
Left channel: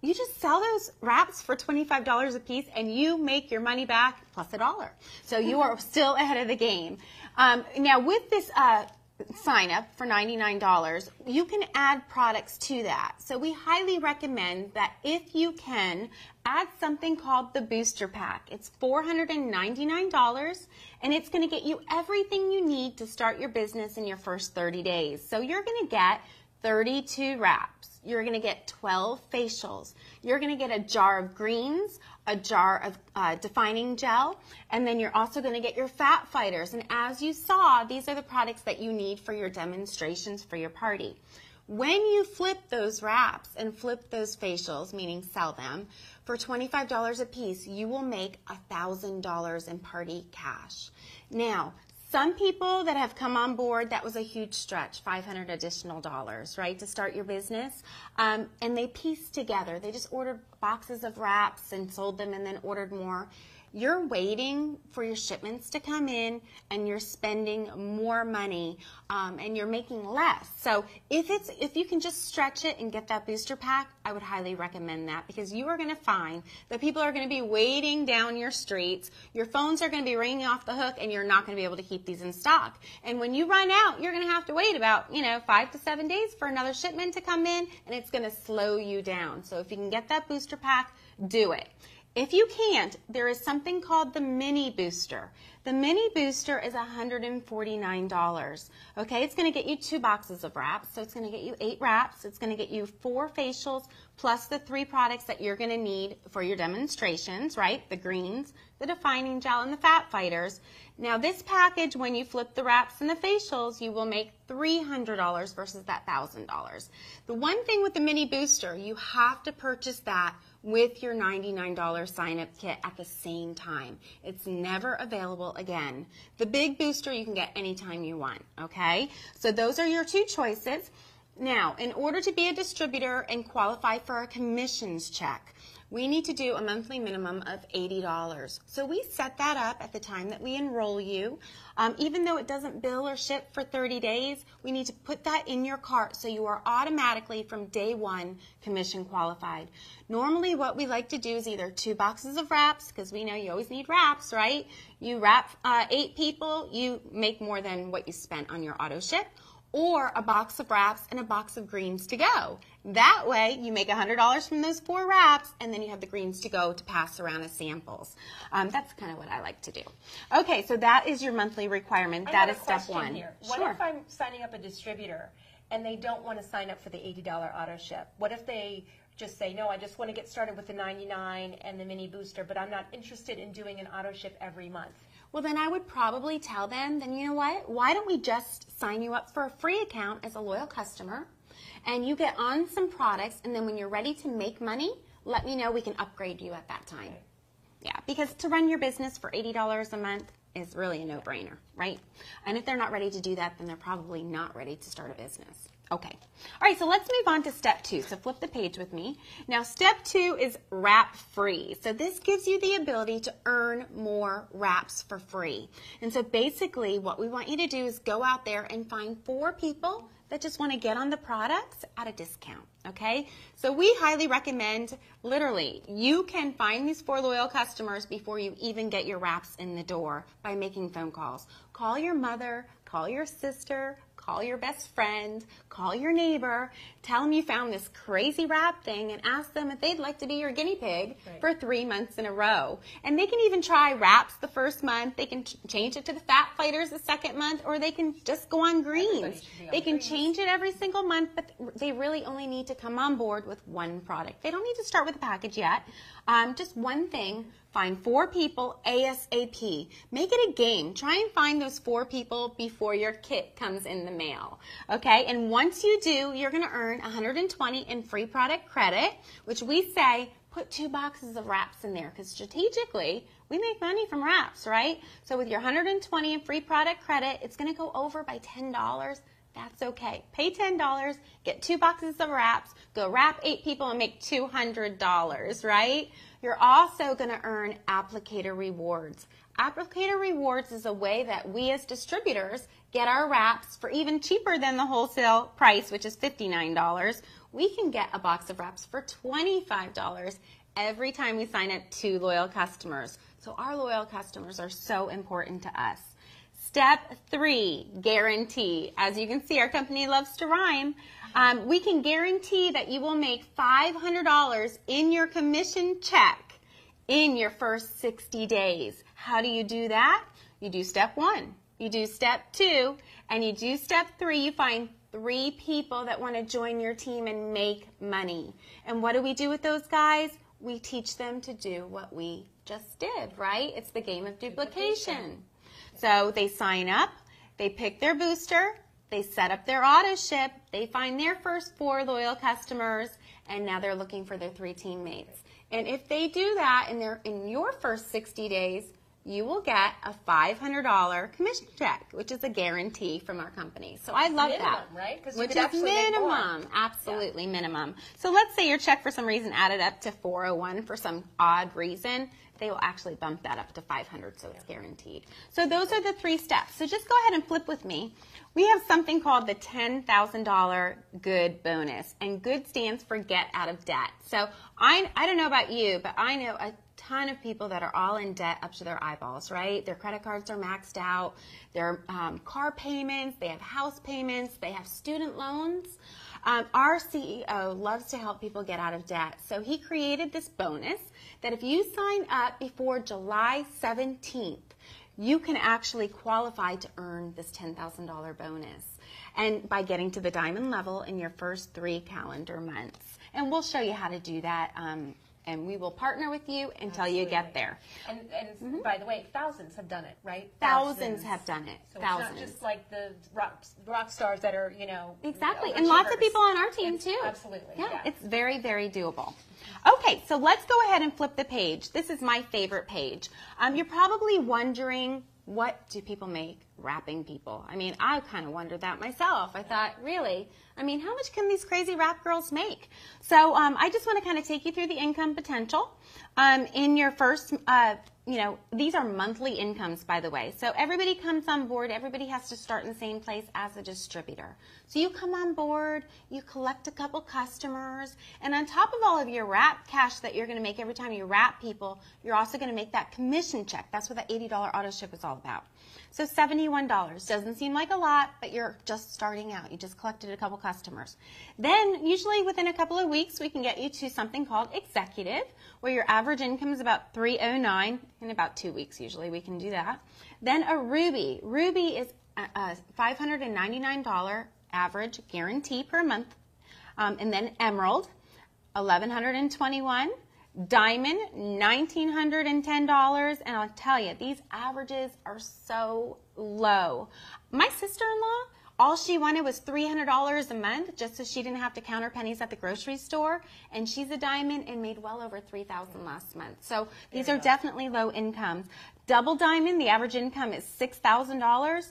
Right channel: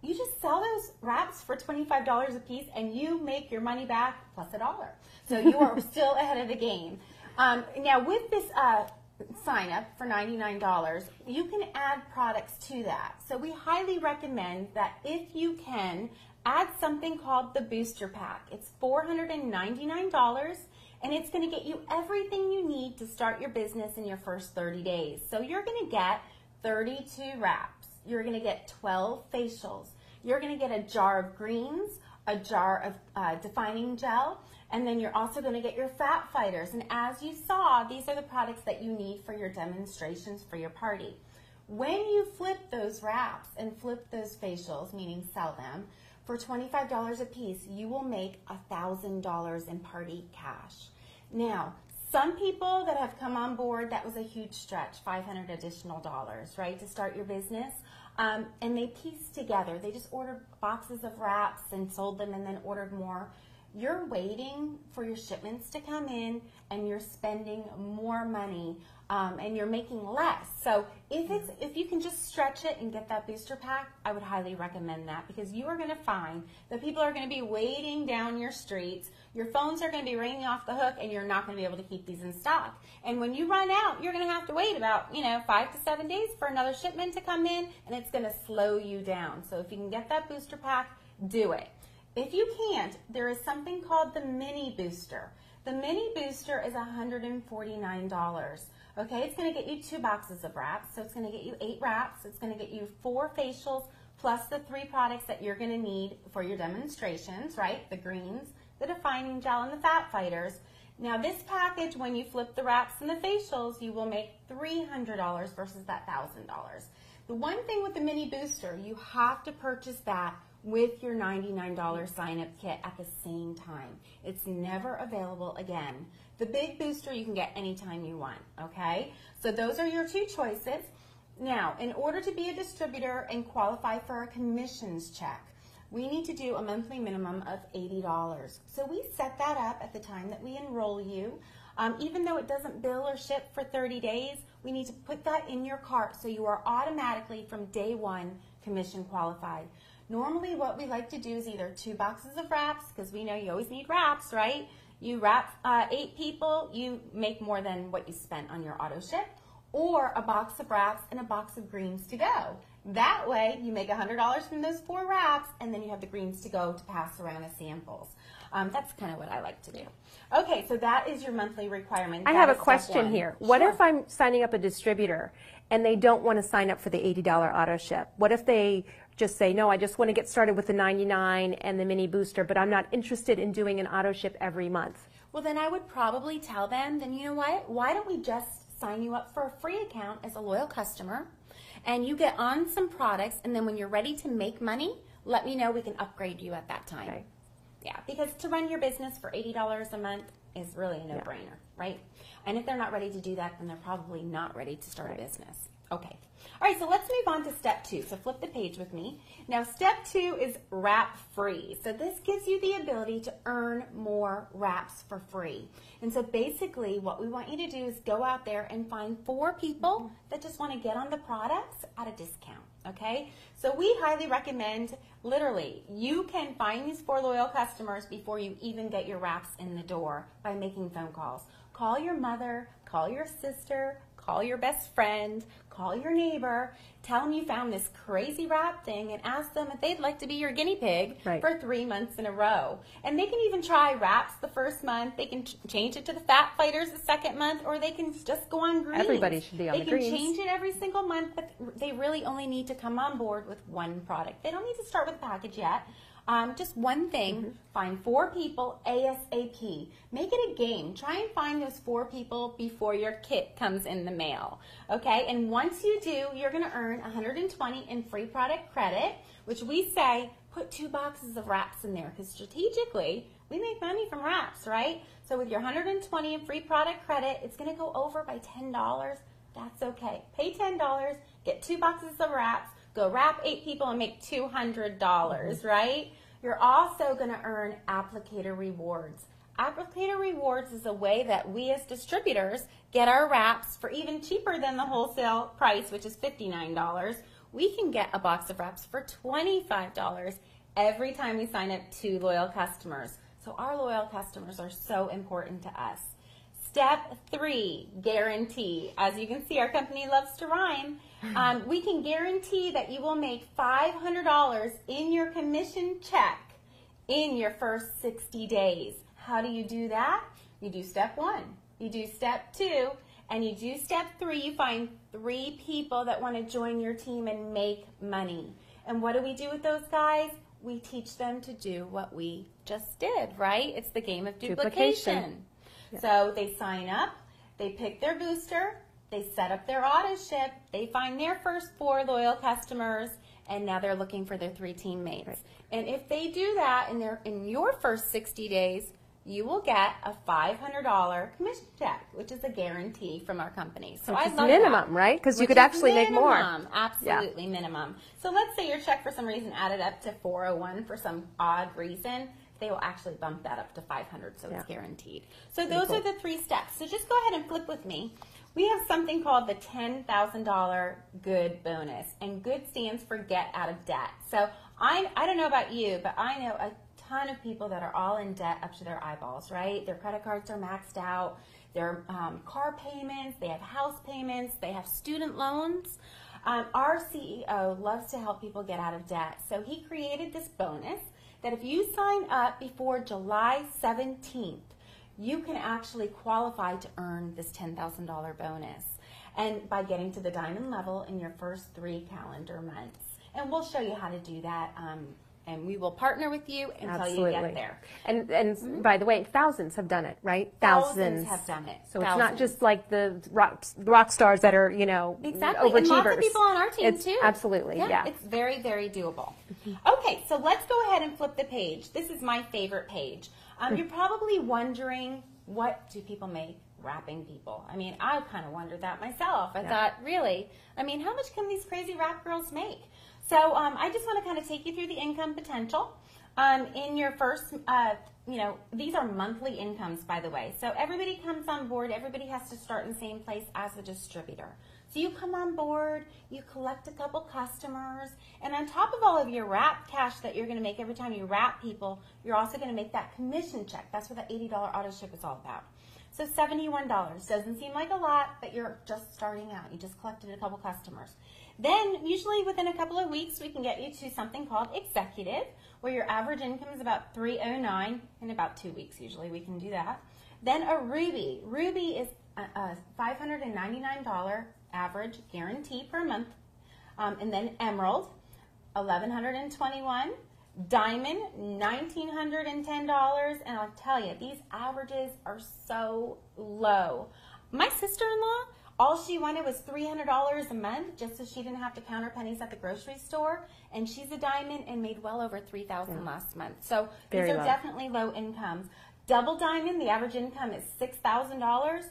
you just sell those wraps for $25 a piece and you make your money back plus $1. So you are still ahead of the game. Now with this sign up for $99, you can add products to that. So we highly recommend that if you can, add something called the booster pack. It's $499 and it's going to get you everything you need to start your business in your first 30 days. So you're going to get 32 wraps. You're going to get 12 facials. You're going to get a jar of greens, a jar of defining gel, and then you're also going to get your fat fighters. And as you saw, these are the products that you need for your demonstrations for your party. When you flip those wraps and flip those facials, meaning sell them, for $25 a piece, you will make $1,000 in party cash. Now, some people that have come on board, that was a huge stretch, $500 additional dollars, right, to start your business. And they pieced together. They just ordered boxes of wraps and sold them and then ordered more. You're waiting for your shipments to come in and you're spending more money and you're making less. So if you can just stretch it and get that booster pack, I would highly recommend that, because you are going to find that people are going to be waiting down your streets. Your phones are going to be ringing off the hook and you're not going to be able to keep these in stock. And when you run out, you're going to have to wait about 5 to 7 days for another shipment to come in, and it's going to slow you down. So if you can get that booster pack, do it. If you can't, there is something called the mini booster. The mini booster is $149. Okay, it's going to get you 2 boxes of wraps, so it's going to get you 8 wraps. It's going to get you 4 facials plus the 3 products that you're going to need for your demonstrations, right? The greens, the defining gel, and the fat fighters. Now this package, when you flip the wraps and the facials, you will make $300 versus that $1,000. The one thing with the mini booster, you have to purchase that with your $99 sign-up kit at the same time. It's never available again. The big booster you can get anytime you want, okay? So those are your 2 choices. Now, in order to be a distributor and qualify for a commissions check, we need to do a monthly minimum of $80. So we set that up at the time that we enroll you. Even though it doesn't bill or ship for 30 days, we need to put that in your cart so you are automatically from day 1 commission qualified. Normally what we like to do is either 2 boxes of wraps, because we know you always need wraps, right? You wrap 8 people, you make more than what you spent on your auto ship, or a box of wraps and a box of greens to go. That way you make $100 from those 4 wraps, and then you have the greens to go to pass around as samples. That's kind of what I like to do. Okay, so that is your monthly requirement. I have a question here. What if I'm signing up a distributor and they don't want to sign up for the $80 auto ship? What if they just say, no, I just want to get started with the $99 and the mini booster, but I'm not interested in doing an auto ship every month? Well, then I would probably tell them, then you know what? Why don't we just sign you up for a free account as a loyal customer, and you get on some products, and then when you're ready to make money, let me know. We can upgrade you at that time. Okay. Yeah, because to run your business for $80 a month is really a no-brainer, right? And if they're not ready to do that, then they're probably not ready to start a business. Okay. All right, so let's move on to step 2. So flip the page with me. Now, step 2 is wrap free. So this gives you the ability to earn more wraps for free. And so basically what we want you to do is go out there and find 4 people that just want to get on the products at a discount, okay? So we highly recommend, literally, you can find these 4 loyal customers before you even get your wraps in the door by making phone calls. Call your mother, call your sister, call your best friend, call your neighbor, tell them you found this crazy wrap thing and ask them if they'd like to be your guinea pig for 3 months in a row. And they can even try wraps the first month. They can change it to the Fat Fighters the second month, or they can just go on greens. Everybody should be on They the can greens. change it every single month, but they really only need to come on board with 1 product. They don't need to start with a package yet. Just one thing, find 4 people ASAP. Make it a game. Try and find those 4 people before your kit comes in the mail. Okay, and once you do, you're gonna earn $120 in free product credit, which we say put 2 boxes of wraps in there, because strategically, we make money from wraps, right? So with your $120 in free product credit, it's gonna go over by $10. That's okay. Pay $10, get 2 boxes of wraps, go wrap 8 people and make $200, right? You're also going to earn applicator rewards. Applicator rewards is a way that we as distributors get our wraps for even cheaper than the wholesale price, which is $59. We can get a box of wraps for $25 every time we sign up 2 loyal customers. So our loyal customers are so important to us. Step 3, guarantee. As you can see, our company loves to rhyme. We can guarantee that you will make $500 in your commission check in your first 60 days. How do you do that? You do step 1, you do step 2, and you do step 3. You find 3 people that want to join your team and make money. And what do we do with those guys? We teach them to do what we just did, right? It's the game of duplication. Yeah. So they sign up, they pick their booster, they set up their auto ship, they find their first 4 loyal customers, and now they're looking for their 3 teammates. Right. And if they do that in your first 60 days, you will get a $500 commission check, which is a guarantee from our company. So I love minimum, that. Right? Because you could actually make more. Absolutely minimum. So let's say your check for some reason added up to $401 for some odd reason. They will actually bump that up to $500, so it's guaranteed. So those are the 3 steps. So just go ahead and flip with me. We have something called the $10,000 good bonus, and good stands for get out of debt. So I don't know about you, but I know a ton of people that are all in debt up to their eyeballs, right? Their credit cards are maxed out, their car payments, they have house payments, they have student loans. Our CEO loves to help people get out of debt, so he created this bonus that if you sign up before July 17th, you can actually qualify to earn this $10,000 bonus, and by getting to the diamond level in your first 3 calendar months. And we'll show you how to do that, and we will partner with you until you get there. And by the way, thousands have done it, right? Thousands have done it. So it's not just like the rock stars that are, exactly. overachievers. And lots of people on our team too. Absolutely, yeah. It's very, very doable. Okay, so let's go ahead and flip the page. This is my favorite page. You're probably wondering, what do people make wrapping people? I mean, I kind of wondered that myself. I thought, really? I mean, how much can these crazy wrap girls make? So I just want to kind of take you through the income potential. In your first, these are monthly incomes, by the way. So everybody comes on board. Everybody has to start in the same place as a distributor. So you come on board, you collect a couple customers, and on top of all of your wrap cash that you're going to make every time you wrap people, you're also going to make that commission check. That's what that $80 auto ship is all about. So $71 doesn't seem like a lot, but you're just starting out. You just collected a couple customers. Then usually within a couple of weeks, we can get you to something called executive, where your average income is about $309. In about 2 weeks, usually we can do that. Then a ruby. Ruby is a $599 average guarantee per month. And then emerald, $1,121. Diamond, $1,910, and I'll tell you, these averages are so low. My sister-in-law All she wanted was $300 a month just so she didn't have to count her pennies at the grocery store. And she's a diamond and made well over $3,000 last month. So these are definitely low incomes. Double diamond, the average income is $6,000.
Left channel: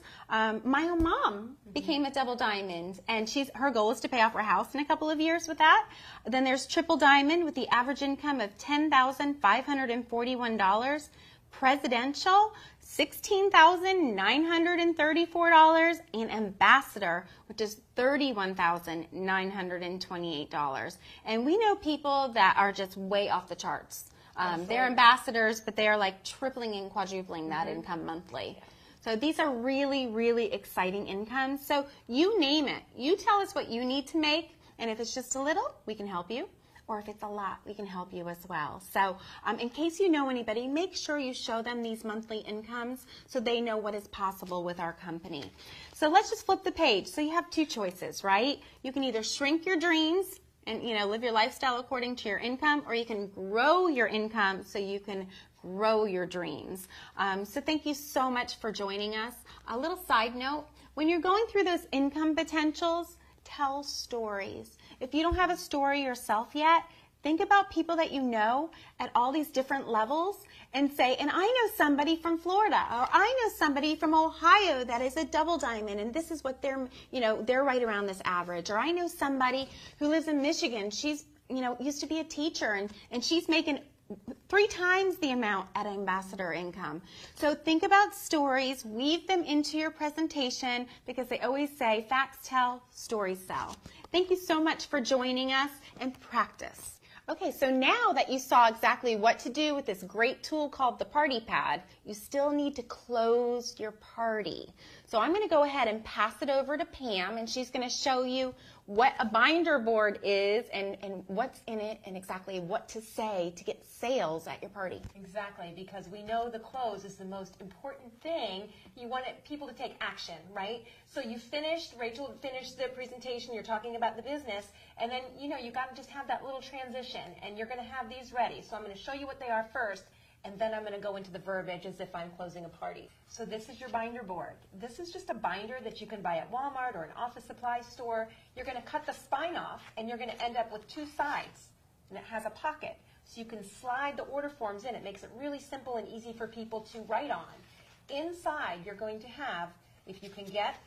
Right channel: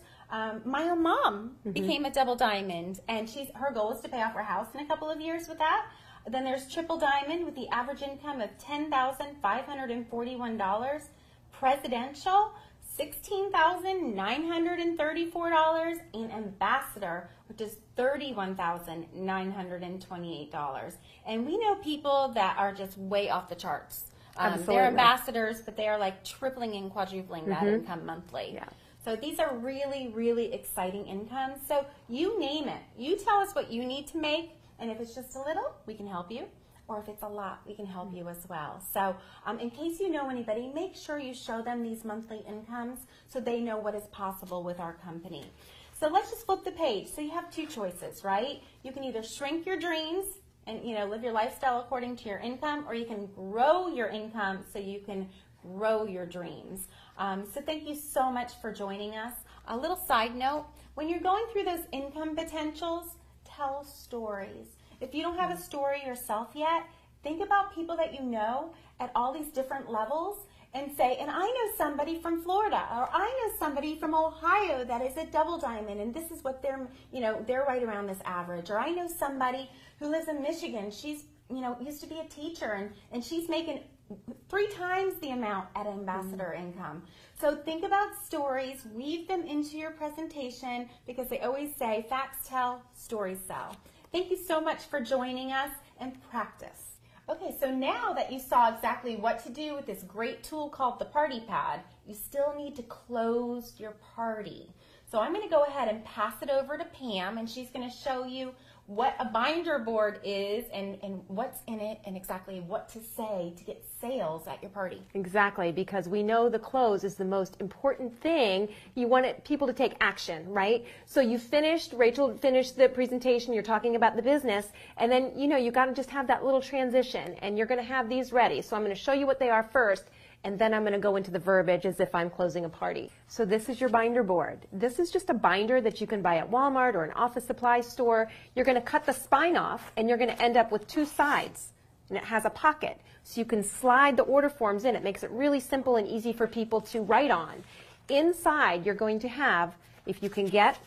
My own mom became a double diamond, and her goal is to pay off her house in a couple of years with that. Then there's triple diamond with the average income of $10,541. Presidential, $16,934, and ambassador, which is $31,928. And we know people that are just way off the charts. They're ambassadors, but they are like tripling and quadrupling that income monthly. Yeah. So these are really, really exciting incomes. So you name it. You tell us what you need to make, and if it's just a little, we can help you. Or if it's a lot, we can help you as well. So in case you know anybody, make sure you show them these monthly incomes so they know what is possible with our company. So let's just flip the page. So you have two choices, right? You can either shrink your dreams and live your lifestyle according to your income, or you can grow your income so you can grow your dreams. So thank you so much for joining us. A little side note, when you're going through those income potentials, tell stories. If you don't have a story yourself yet, think about people that you know at all these different levels and say, and I know somebody from Florida, or I know somebody from Ohio that is a double diamond, and this is what they're right around this average. Or I know somebody who lives in Michigan. She's, used to be a teacher, and she's making 3 times the amount at ambassador income. So think about stories, weave them into your presentation, because they always say, facts tell, stories sell. Thank you so much for joining us, and practice. Okay, so now that you saw exactly what to do with this great tool called the Party Pad, you still need to close your party. So I'm going to go ahead and pass it over to Pam, and she's going to show you what a binder board is and what's in it and exactly what to say to get sales at your party. Exactly, because we know the close is the most important thing. You want people to take action, right? So Rachel finished the presentation, you're talking about the business, and then you got to just have that little transition, and you're going to have these ready. So I'm going to show you what they are first, and then I'm going to go into the verbiage as if I'm closing a party. So this is your binder board. This is just a binder that you can buy at Walmart or an office supply store. You're going to cut the spine off, and you're going to end up with 2 sides, and it has a pocket. So you can slide the order forms in. It makes it really simple and easy for people to write on. Inside, you're going to have, if you can get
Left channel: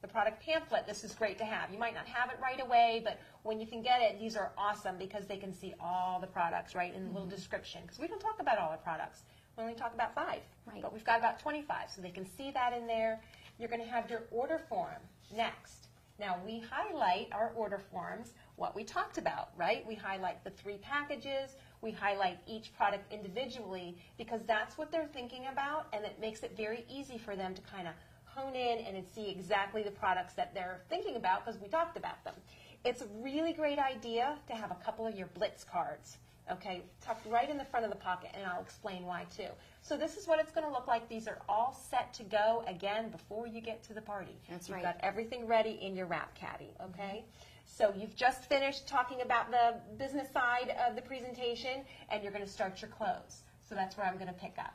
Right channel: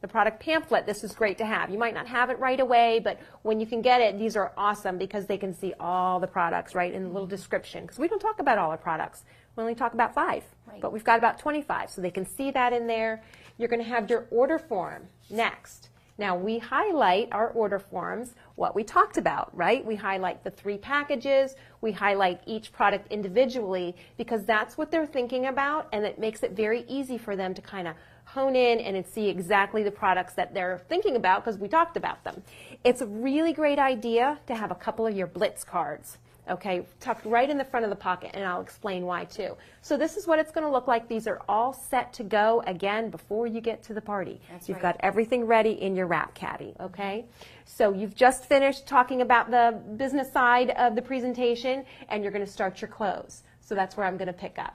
the product pamphlet, this is great to have. You might not have it right away, but when you can get it, these are awesome because they can see all the products, right, in the little description. Because we don't talk about all our products. We only talk about 5, but we've got about 25, so they can see that in there. You're going to have your order form next. Now, we highlight our order forms, what we talked about, right? We highlight the 3 packages. We highlight each product individually because that's what they're thinking about, and it makes it very easy for them to kind of hone in and see exactly the products that they're thinking about because we talked about them. It's a really great idea to have a couple of your Blitz cards, okay, tucked right in the front of the pocket, and I'll explain why too. So this is what it's going to look like. These are all set to go, again, before you get to the party. You've got everything ready in your wrap caddy, okay? So you've just finished talking about the business side of the presentation, and you're going to start your close. So that's where I'm going to pick up.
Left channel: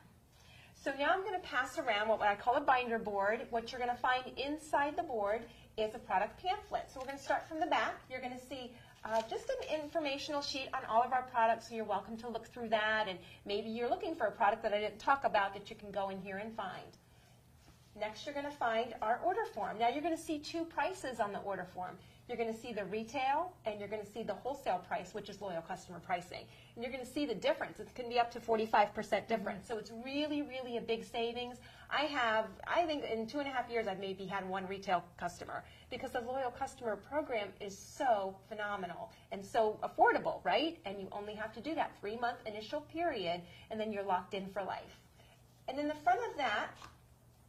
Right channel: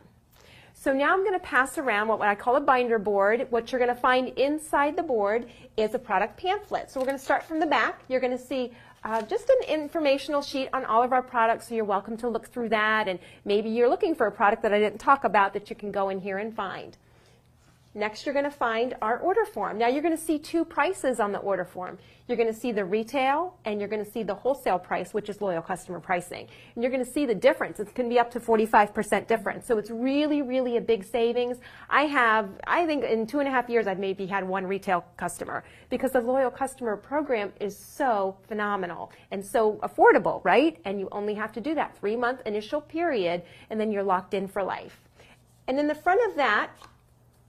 So now I'm going to pass around what I call a binder board. What you're going to find inside the board is a product pamphlet. So we're going to start from the back. You're going to see just an informational sheet on all of our products, so you're welcome to look through that. And maybe you're looking for a product that I didn't talk about that you can go in here and find. Next, you're going to find our order form. Now, you're going to see 2 prices on the order form. You're going to see the retail, and you're going to see the wholesale price, which is loyal customer pricing. And you're going to see the difference. It can be up to 45% difference. So it's really, really a big savings. I think in 2.5 years, I've maybe had 1 retail customer because the loyal customer program is so phenomenal and so affordable, right? And you only have to do that 3-month initial period, and then you're locked in for life. And in the front of that,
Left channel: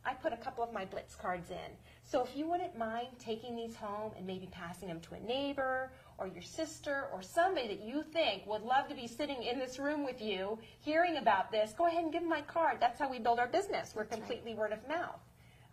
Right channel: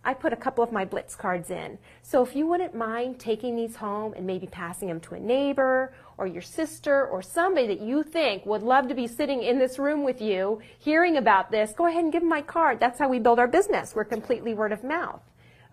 I put a couple of my Blitz cards in. So if you wouldn't mind taking these home and maybe passing them to a neighbor or your sister or somebody that you think would love to be sitting in this room with you, hearing about this, go ahead and give them my card. That's how we build our business. We're completely word of mouth.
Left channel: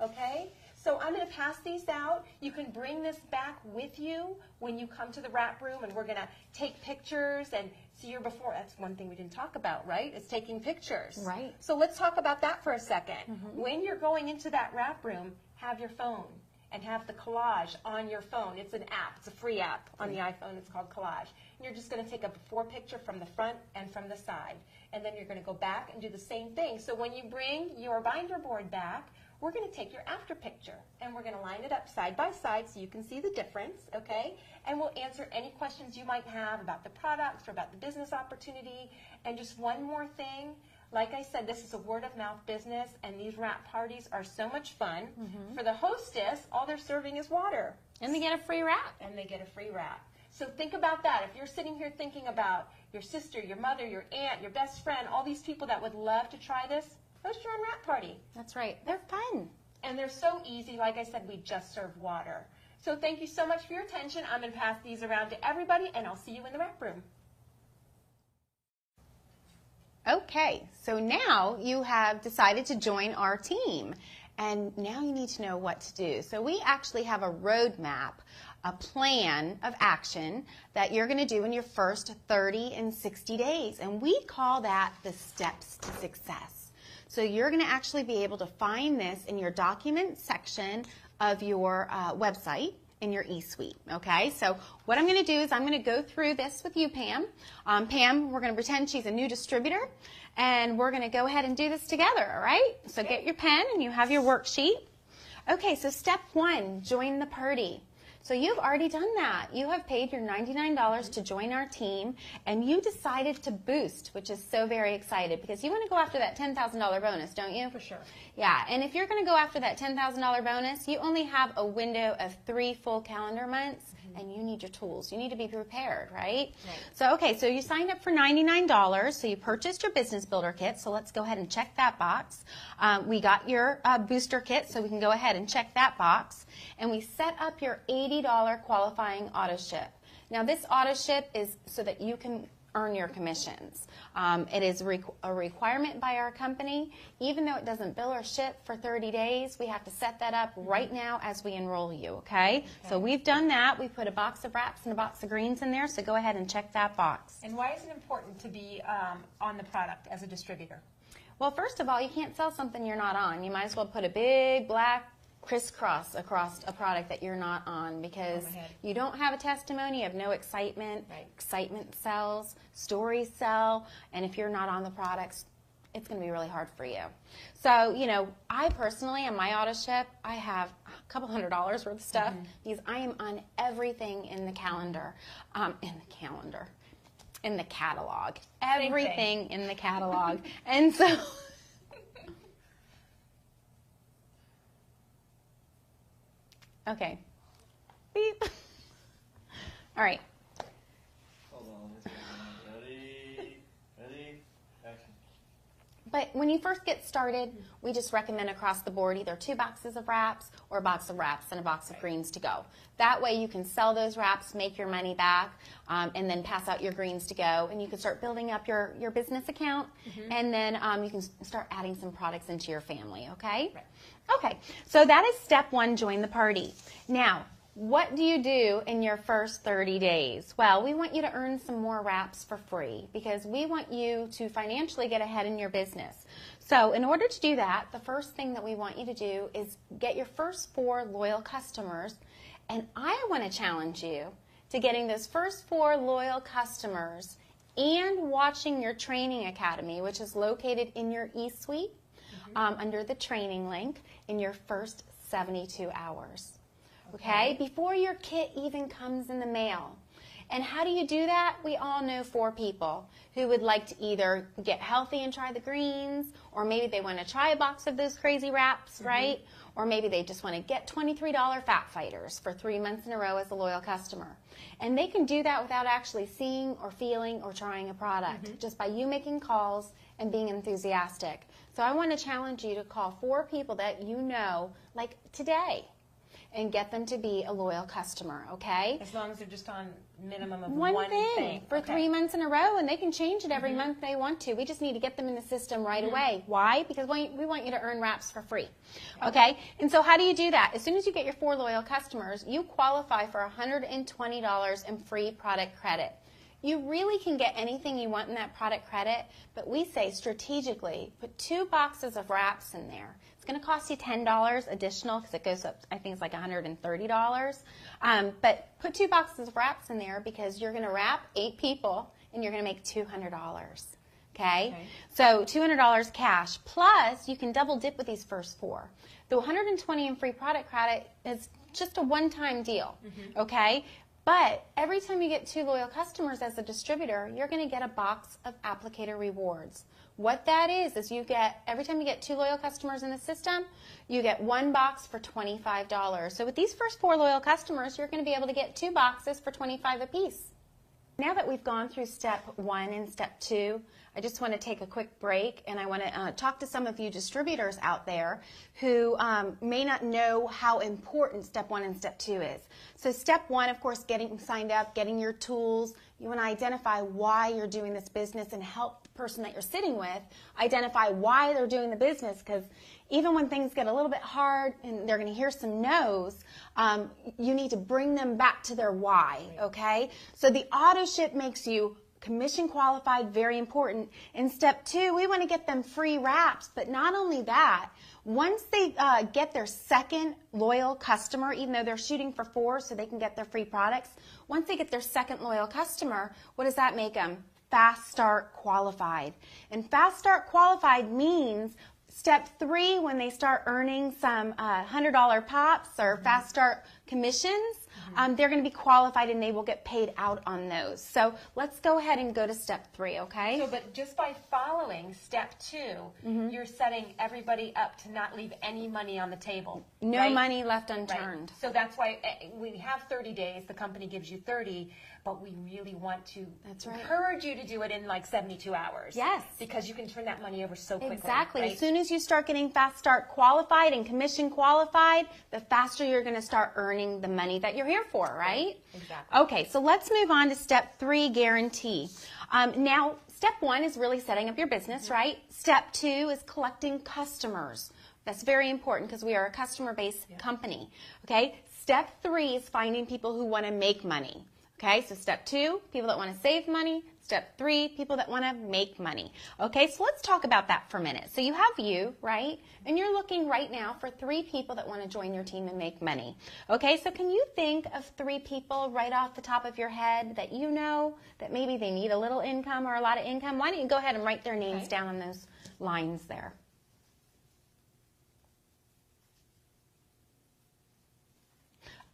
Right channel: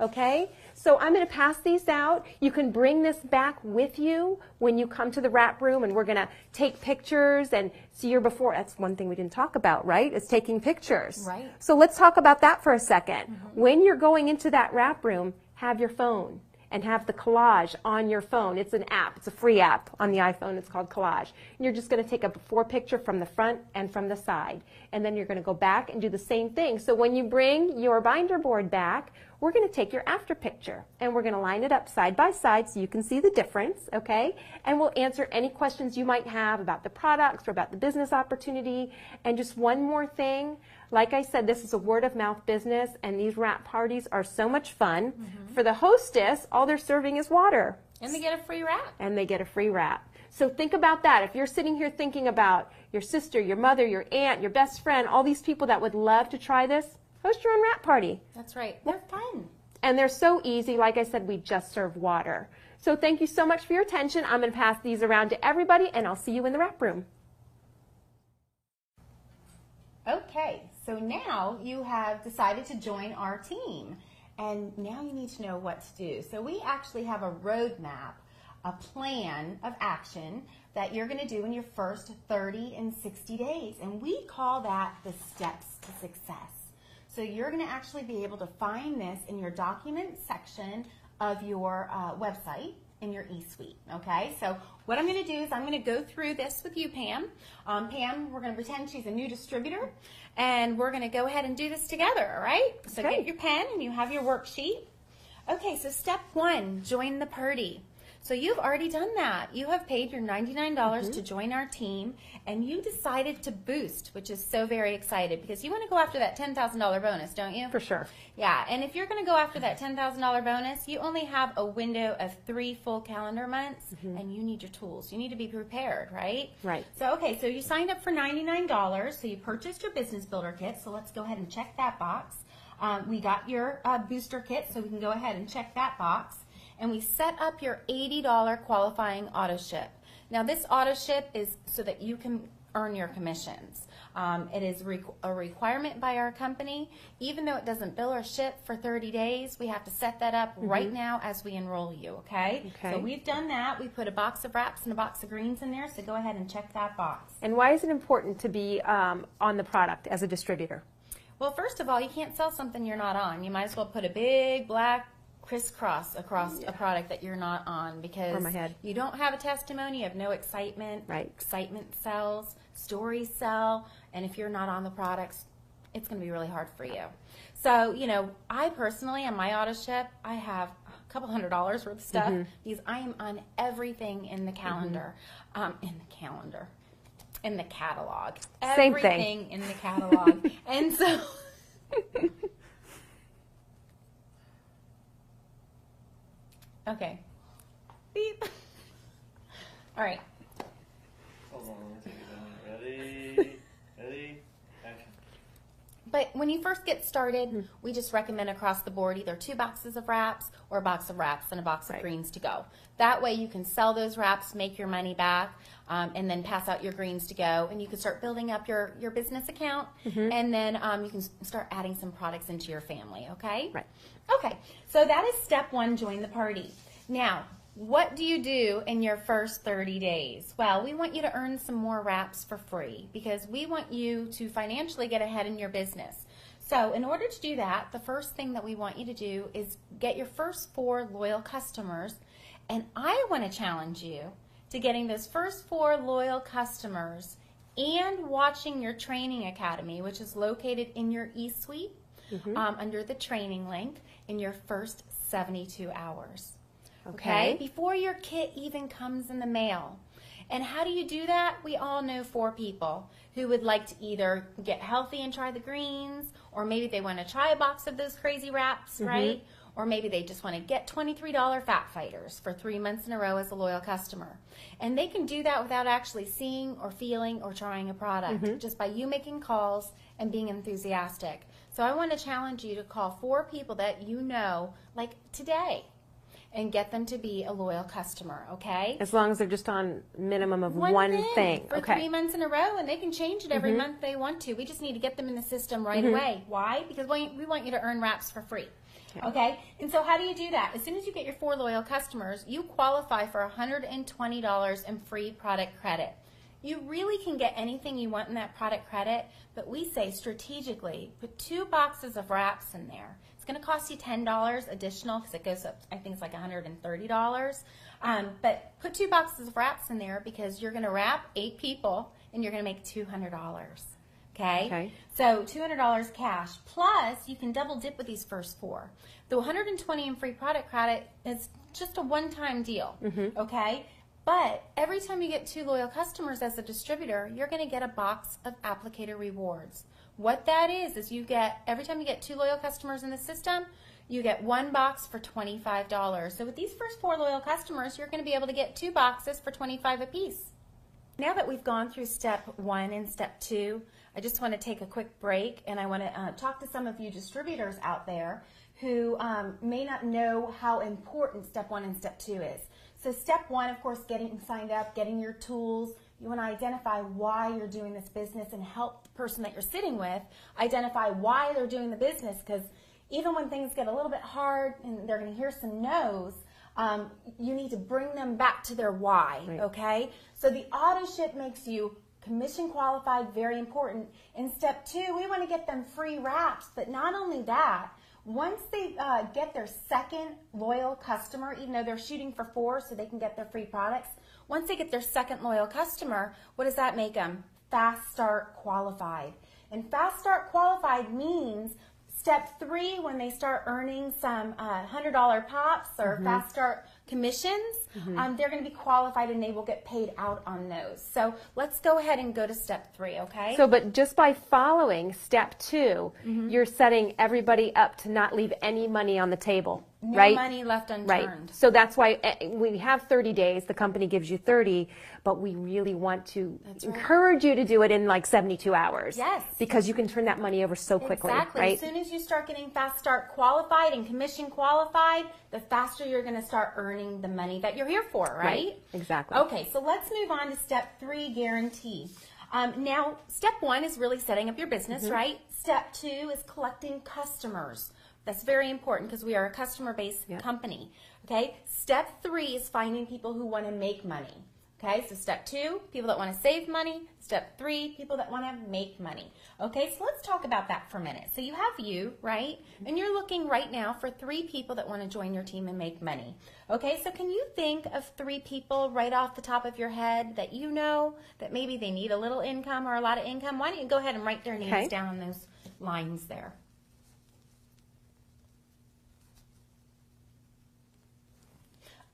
Okay? So I'm going to pass these out. You can bring this back with you when you come to the wrap room, and we're going to take pictures and see your before. That's one thing we didn't talk about, right? Is taking pictures. Right. So let's talk about that for a second. When you're going into that wrap room, have your phone and have the collage on your phone. It's an app. It's a free app on the iPhone. It's called Collage. And you're just going to take a before picture from the front and from the side. And then you're going to go back and do the same thing. So when you bring your binder board back, we're going to take your after picture and we're going to line it up side by side so you can see the difference, okay? And we'll answer any questions you might have about the products or about the business opportunity. And just one more thing, like I said, this is a word of mouth business and these wrap parties are so much fun. For the hostess, all they're serving is water. And they get a free wrap. And they get a free wrap. So think about that. If you're sitting here thinking about your sister, your mother, your aunt, your best friend, all these people that would love to try this, host your own wrap party. That's right. They're fun. And they're so easy. Like I said, we just serve water. So thank you so much for your attention. I'm going to pass these around to everybody, and I'll see you in the wrap room. Okay, so now you have decided to join our team. And now you need to know what to do. So we actually have a roadmap, a plan of action that you're going to do in your first 30 and 60 days. And we call that the steps to success. So you're going to actually be able to find this in your document section of your website in your eSuite, okay? So what I'm going to do is I'm going to go through this with you, Pam. Pam, we're going to pretend she's a new distributor, and we're going to go ahead and do this together, all right? So Okay. get your pen and you have your worksheet. Okay, so step 1, join the party. So you've already done that. You have paid your $99 to join our team, and you decided to boost, which is so very excited because you want to go after that $10,000 bonus, don't you? For sure. Yeah, and if you're going to go after that $10,000 bonus, you only have a window of 3 full calendar months, and you need your tools. You need to be prepared, right? Right. So, okay, so you signed up for $99, so you purchased your business builder kit, so let's go ahead and check that box. We got your booster kit, so we can go ahead and check that box. And we set up your $80 qualifying auto ship. Now this auto ship is so that you can earn your commissions. It is a requirement by our company. Even though it doesn't bill or ship for 30 days, we have to set that up right now as we enroll you, okay? So we've done that. We put a box of wraps and a box of greens in there, so go ahead and check that box. And why is it important to be on the product as a distributor? Well, first of all, you can't sell something you're not on. You might as well put a big black crisscross across a product that you're not on because you don't have a testimony, you have no excitement. Right. Excitement sells, stories sell, and if you're not on the products, it's going to be really hard for you. So, you know, I personally, on my auto ship, I have a couple $100 worth of stuff because I am on everything in the calendar, in the catalog. Same Everything in the catalog. And so... Okay. Beep. All right. Hold on. Ready, action. But when you first get started, we just recommend across the board either 2 boxes of wraps or a box of wraps and a box of greens to go. That way you can sell those wraps, make your money back, and then pass out your greens to go. And you can start building up your business account, and then you can start adding some products into your family, okay? Right. Okay, so that is step 1, join the party. Now, what do you do in your first 30 days? Well, we want you to earn some more wraps for free because we want you to financially get ahead in your business. So in order to do that, the first thing that we want you to do is get your first 4 loyal customers, and I want to challenge you to getting those first 4 loyal customers and watching your training academy, which is located in your eSuite under the training link in your first 72 hours. Okay? Before your kit even comes in the mail. And how do you do that? We all know 4 people who would like to either get healthy and try the greens, or maybe they want to try a box of those crazy wraps, right? Or maybe they just want to get $23 Fat Fighters for 3 months in a row as a loyal customer. And they can do that without actually seeing or feeling or trying a product, just by you making calls and being enthusiastic. So I want to challenge you to call 4 people that you know, like today, and get them to be a loyal customer, okay? As long as they're just on minimum of one thing. For 3 months in a row, and they can change it every month they want to. We just need to get them in the system right away. Why? Because we want you to earn wraps for free, okay? And so how do you do that? As soon as you get your 4 loyal customers, you qualify for $120 in free product credit. You really can get anything you want in that product credit, but we say strategically, put 2 boxes of wraps in there. It's going to cost you $10 additional because it goes up, I think it's like $130. But put 2 boxes of wraps in there because you're going to wrap 8 people and you're going to make $200. Okay? So $200 cash. Plus, you can double dip with these first 4. The $120 in free product credit is just a one-time deal. Okay? But every time you get 2 loyal customers as a distributor, you're going to get a box of applicator rewards. What that is you get, every time you get 2 loyal customers in the system, you get 1 box for $25. So with these first 4 loyal customers, you're going to be able to get 2 boxes for $25 a piece. Now that we've gone through step 1 and step 2, I just want to take a quick break and I want to talk to some of you distributors out there who may not know how important step 1 and step 2 is. So step 1, of course, getting signed up, getting your tools. You want to identify why you're doing this business and help the person that you're sitting with identify why they're doing the business, because even when things get a little bit hard and they're going to hear some no's, you need to bring them back to their why, okay? So the auto ship makes you commission qualified, very important. In step 2, we want to get them free wraps, but not only that, once they get their second loyal customer, even though they're shooting for 4 so they can get their free products, once they get their second loyal customer, what does that make them? Fast Start Qualified. And Fast Start Qualified means step 3, when they start earning some $100 pops or Fast Start commissions, they're going to be qualified and they will get paid out on those. So let's go ahead and go to step 3, okay? So, but just by following step 2, you're setting everybody up to not leave any money on the table. No right? money left unturned. Right. So that's why we have 30 days. The company gives you 30, but we really want to encourage you to do it in like 72 hours. Yes. Because you can turn that money over so quickly. Exactly. Right? As soon as you start getting Fast Start qualified and commission qualified, the faster you're going to start earning the money that you're here for, right? Exactly. Okay, so let's move on to step 3, guarantee. Now, step 1 is really setting up your business, right? Step 2 is collecting customers. That's very important because we are a customer-based company, okay? Step 3 is finding people who want to make money, okay? So step 2, people that want to save money. Step 3, people that want to make money. Okay, so let's talk about that for a minute. So you have you, right? And you're looking right now for 3 people that want to join your team and make money. Okay, so can you think of 3 people right off the top of your head that you know that maybe they need a little income or a lot of income? Why don't you go ahead and write their names down on those lines there.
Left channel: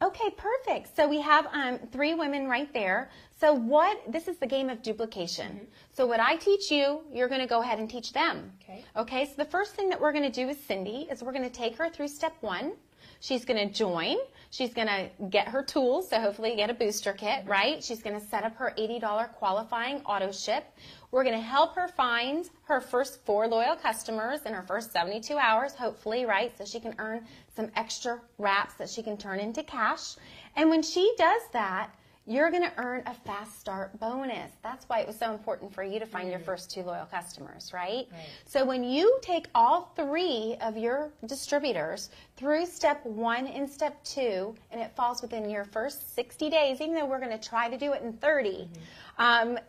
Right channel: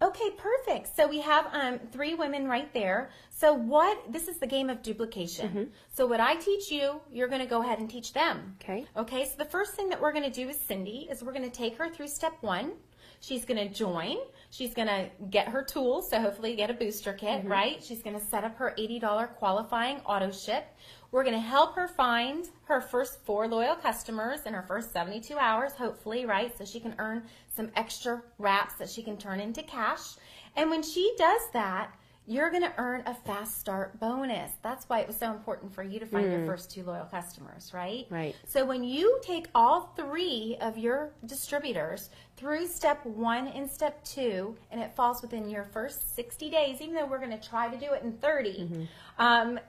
Okay, perfect. So we have 3 women right there. So this is the game of duplication. So what I teach you, you're going to go ahead and teach them. Okay. Okay, so the first thing that we're going to do with Cindy is we're going to take her through step 1. She's going to join. She's going to get her tools, so hopefully get a booster kit, right? She's going to set up her $80 qualifying auto ship. We're going to help her find her first 4 loyal customers in her first 72 hours, hopefully, right? So she can earn some extra wraps that she can turn into cash. And when she does that, you're going to earn a Fast Start bonus. That's why it was so important for you to find your first 2 loyal customers, right? Right. So when you take all 3 of your distributors through step 1 and step 2, and it falls within your first 60 days, even though we're going to try to do it in 30,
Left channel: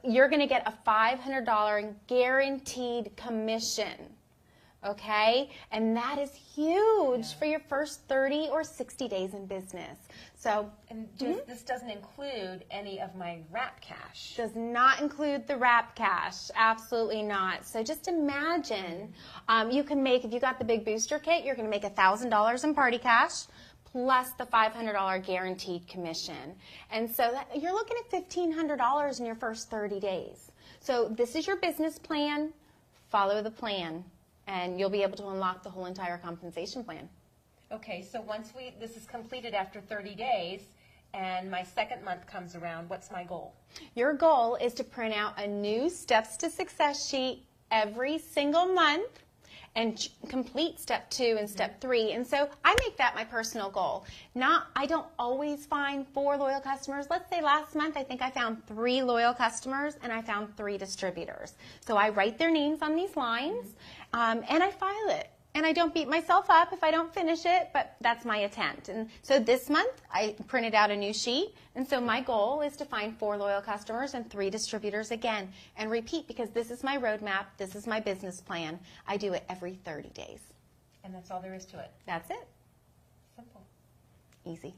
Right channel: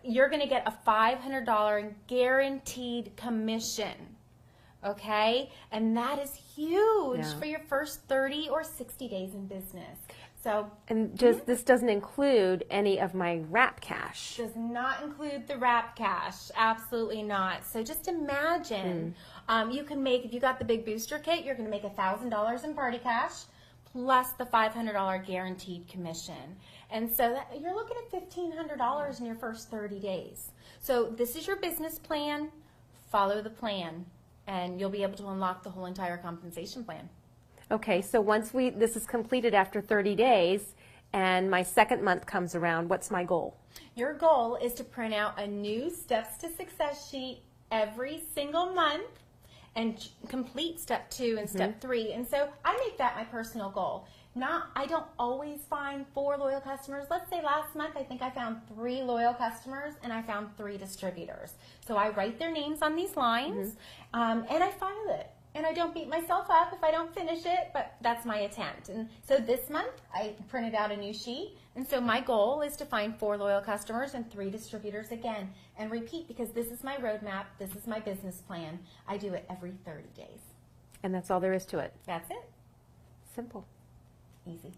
you're going to get a $500 guaranteed commission. Okay? And that is huge for your first 30 or 60 days in business. So, and this doesn't include any of my wrap cash. Does not include the wrap cash. Absolutely not. So just imagine you can make, if you got the big booster kit, you're going to make $1,000 in party cash plus the $500 guaranteed commission. And so you're looking at $1,500 in your first 30 days. So this is your business plan. Follow the plan, and you'll be able to unlock the whole entire compensation plan. Okay, so once this is completed after 30 days and my second month comes around, what's my goal? Your goal is to print out a new Steps to Success sheet every single month and complete step 2 and step 3. And so I make that my personal goal. I don't always find 4 loyal customers. Let's say last month I think I found 3 loyal customers and I found 3 distributors. So I write their names on these lines and I file it. And I don't beat myself up if I don't finish it, but that's my attempt. And so this month, I printed out a new sheet. And so my goal is to find 4 loyal customers and 3 distributors again. And repeat, because this is my roadmap. This is my business plan. I do it every 30 days. And that's all there is to it. That's it. Simple. Easy.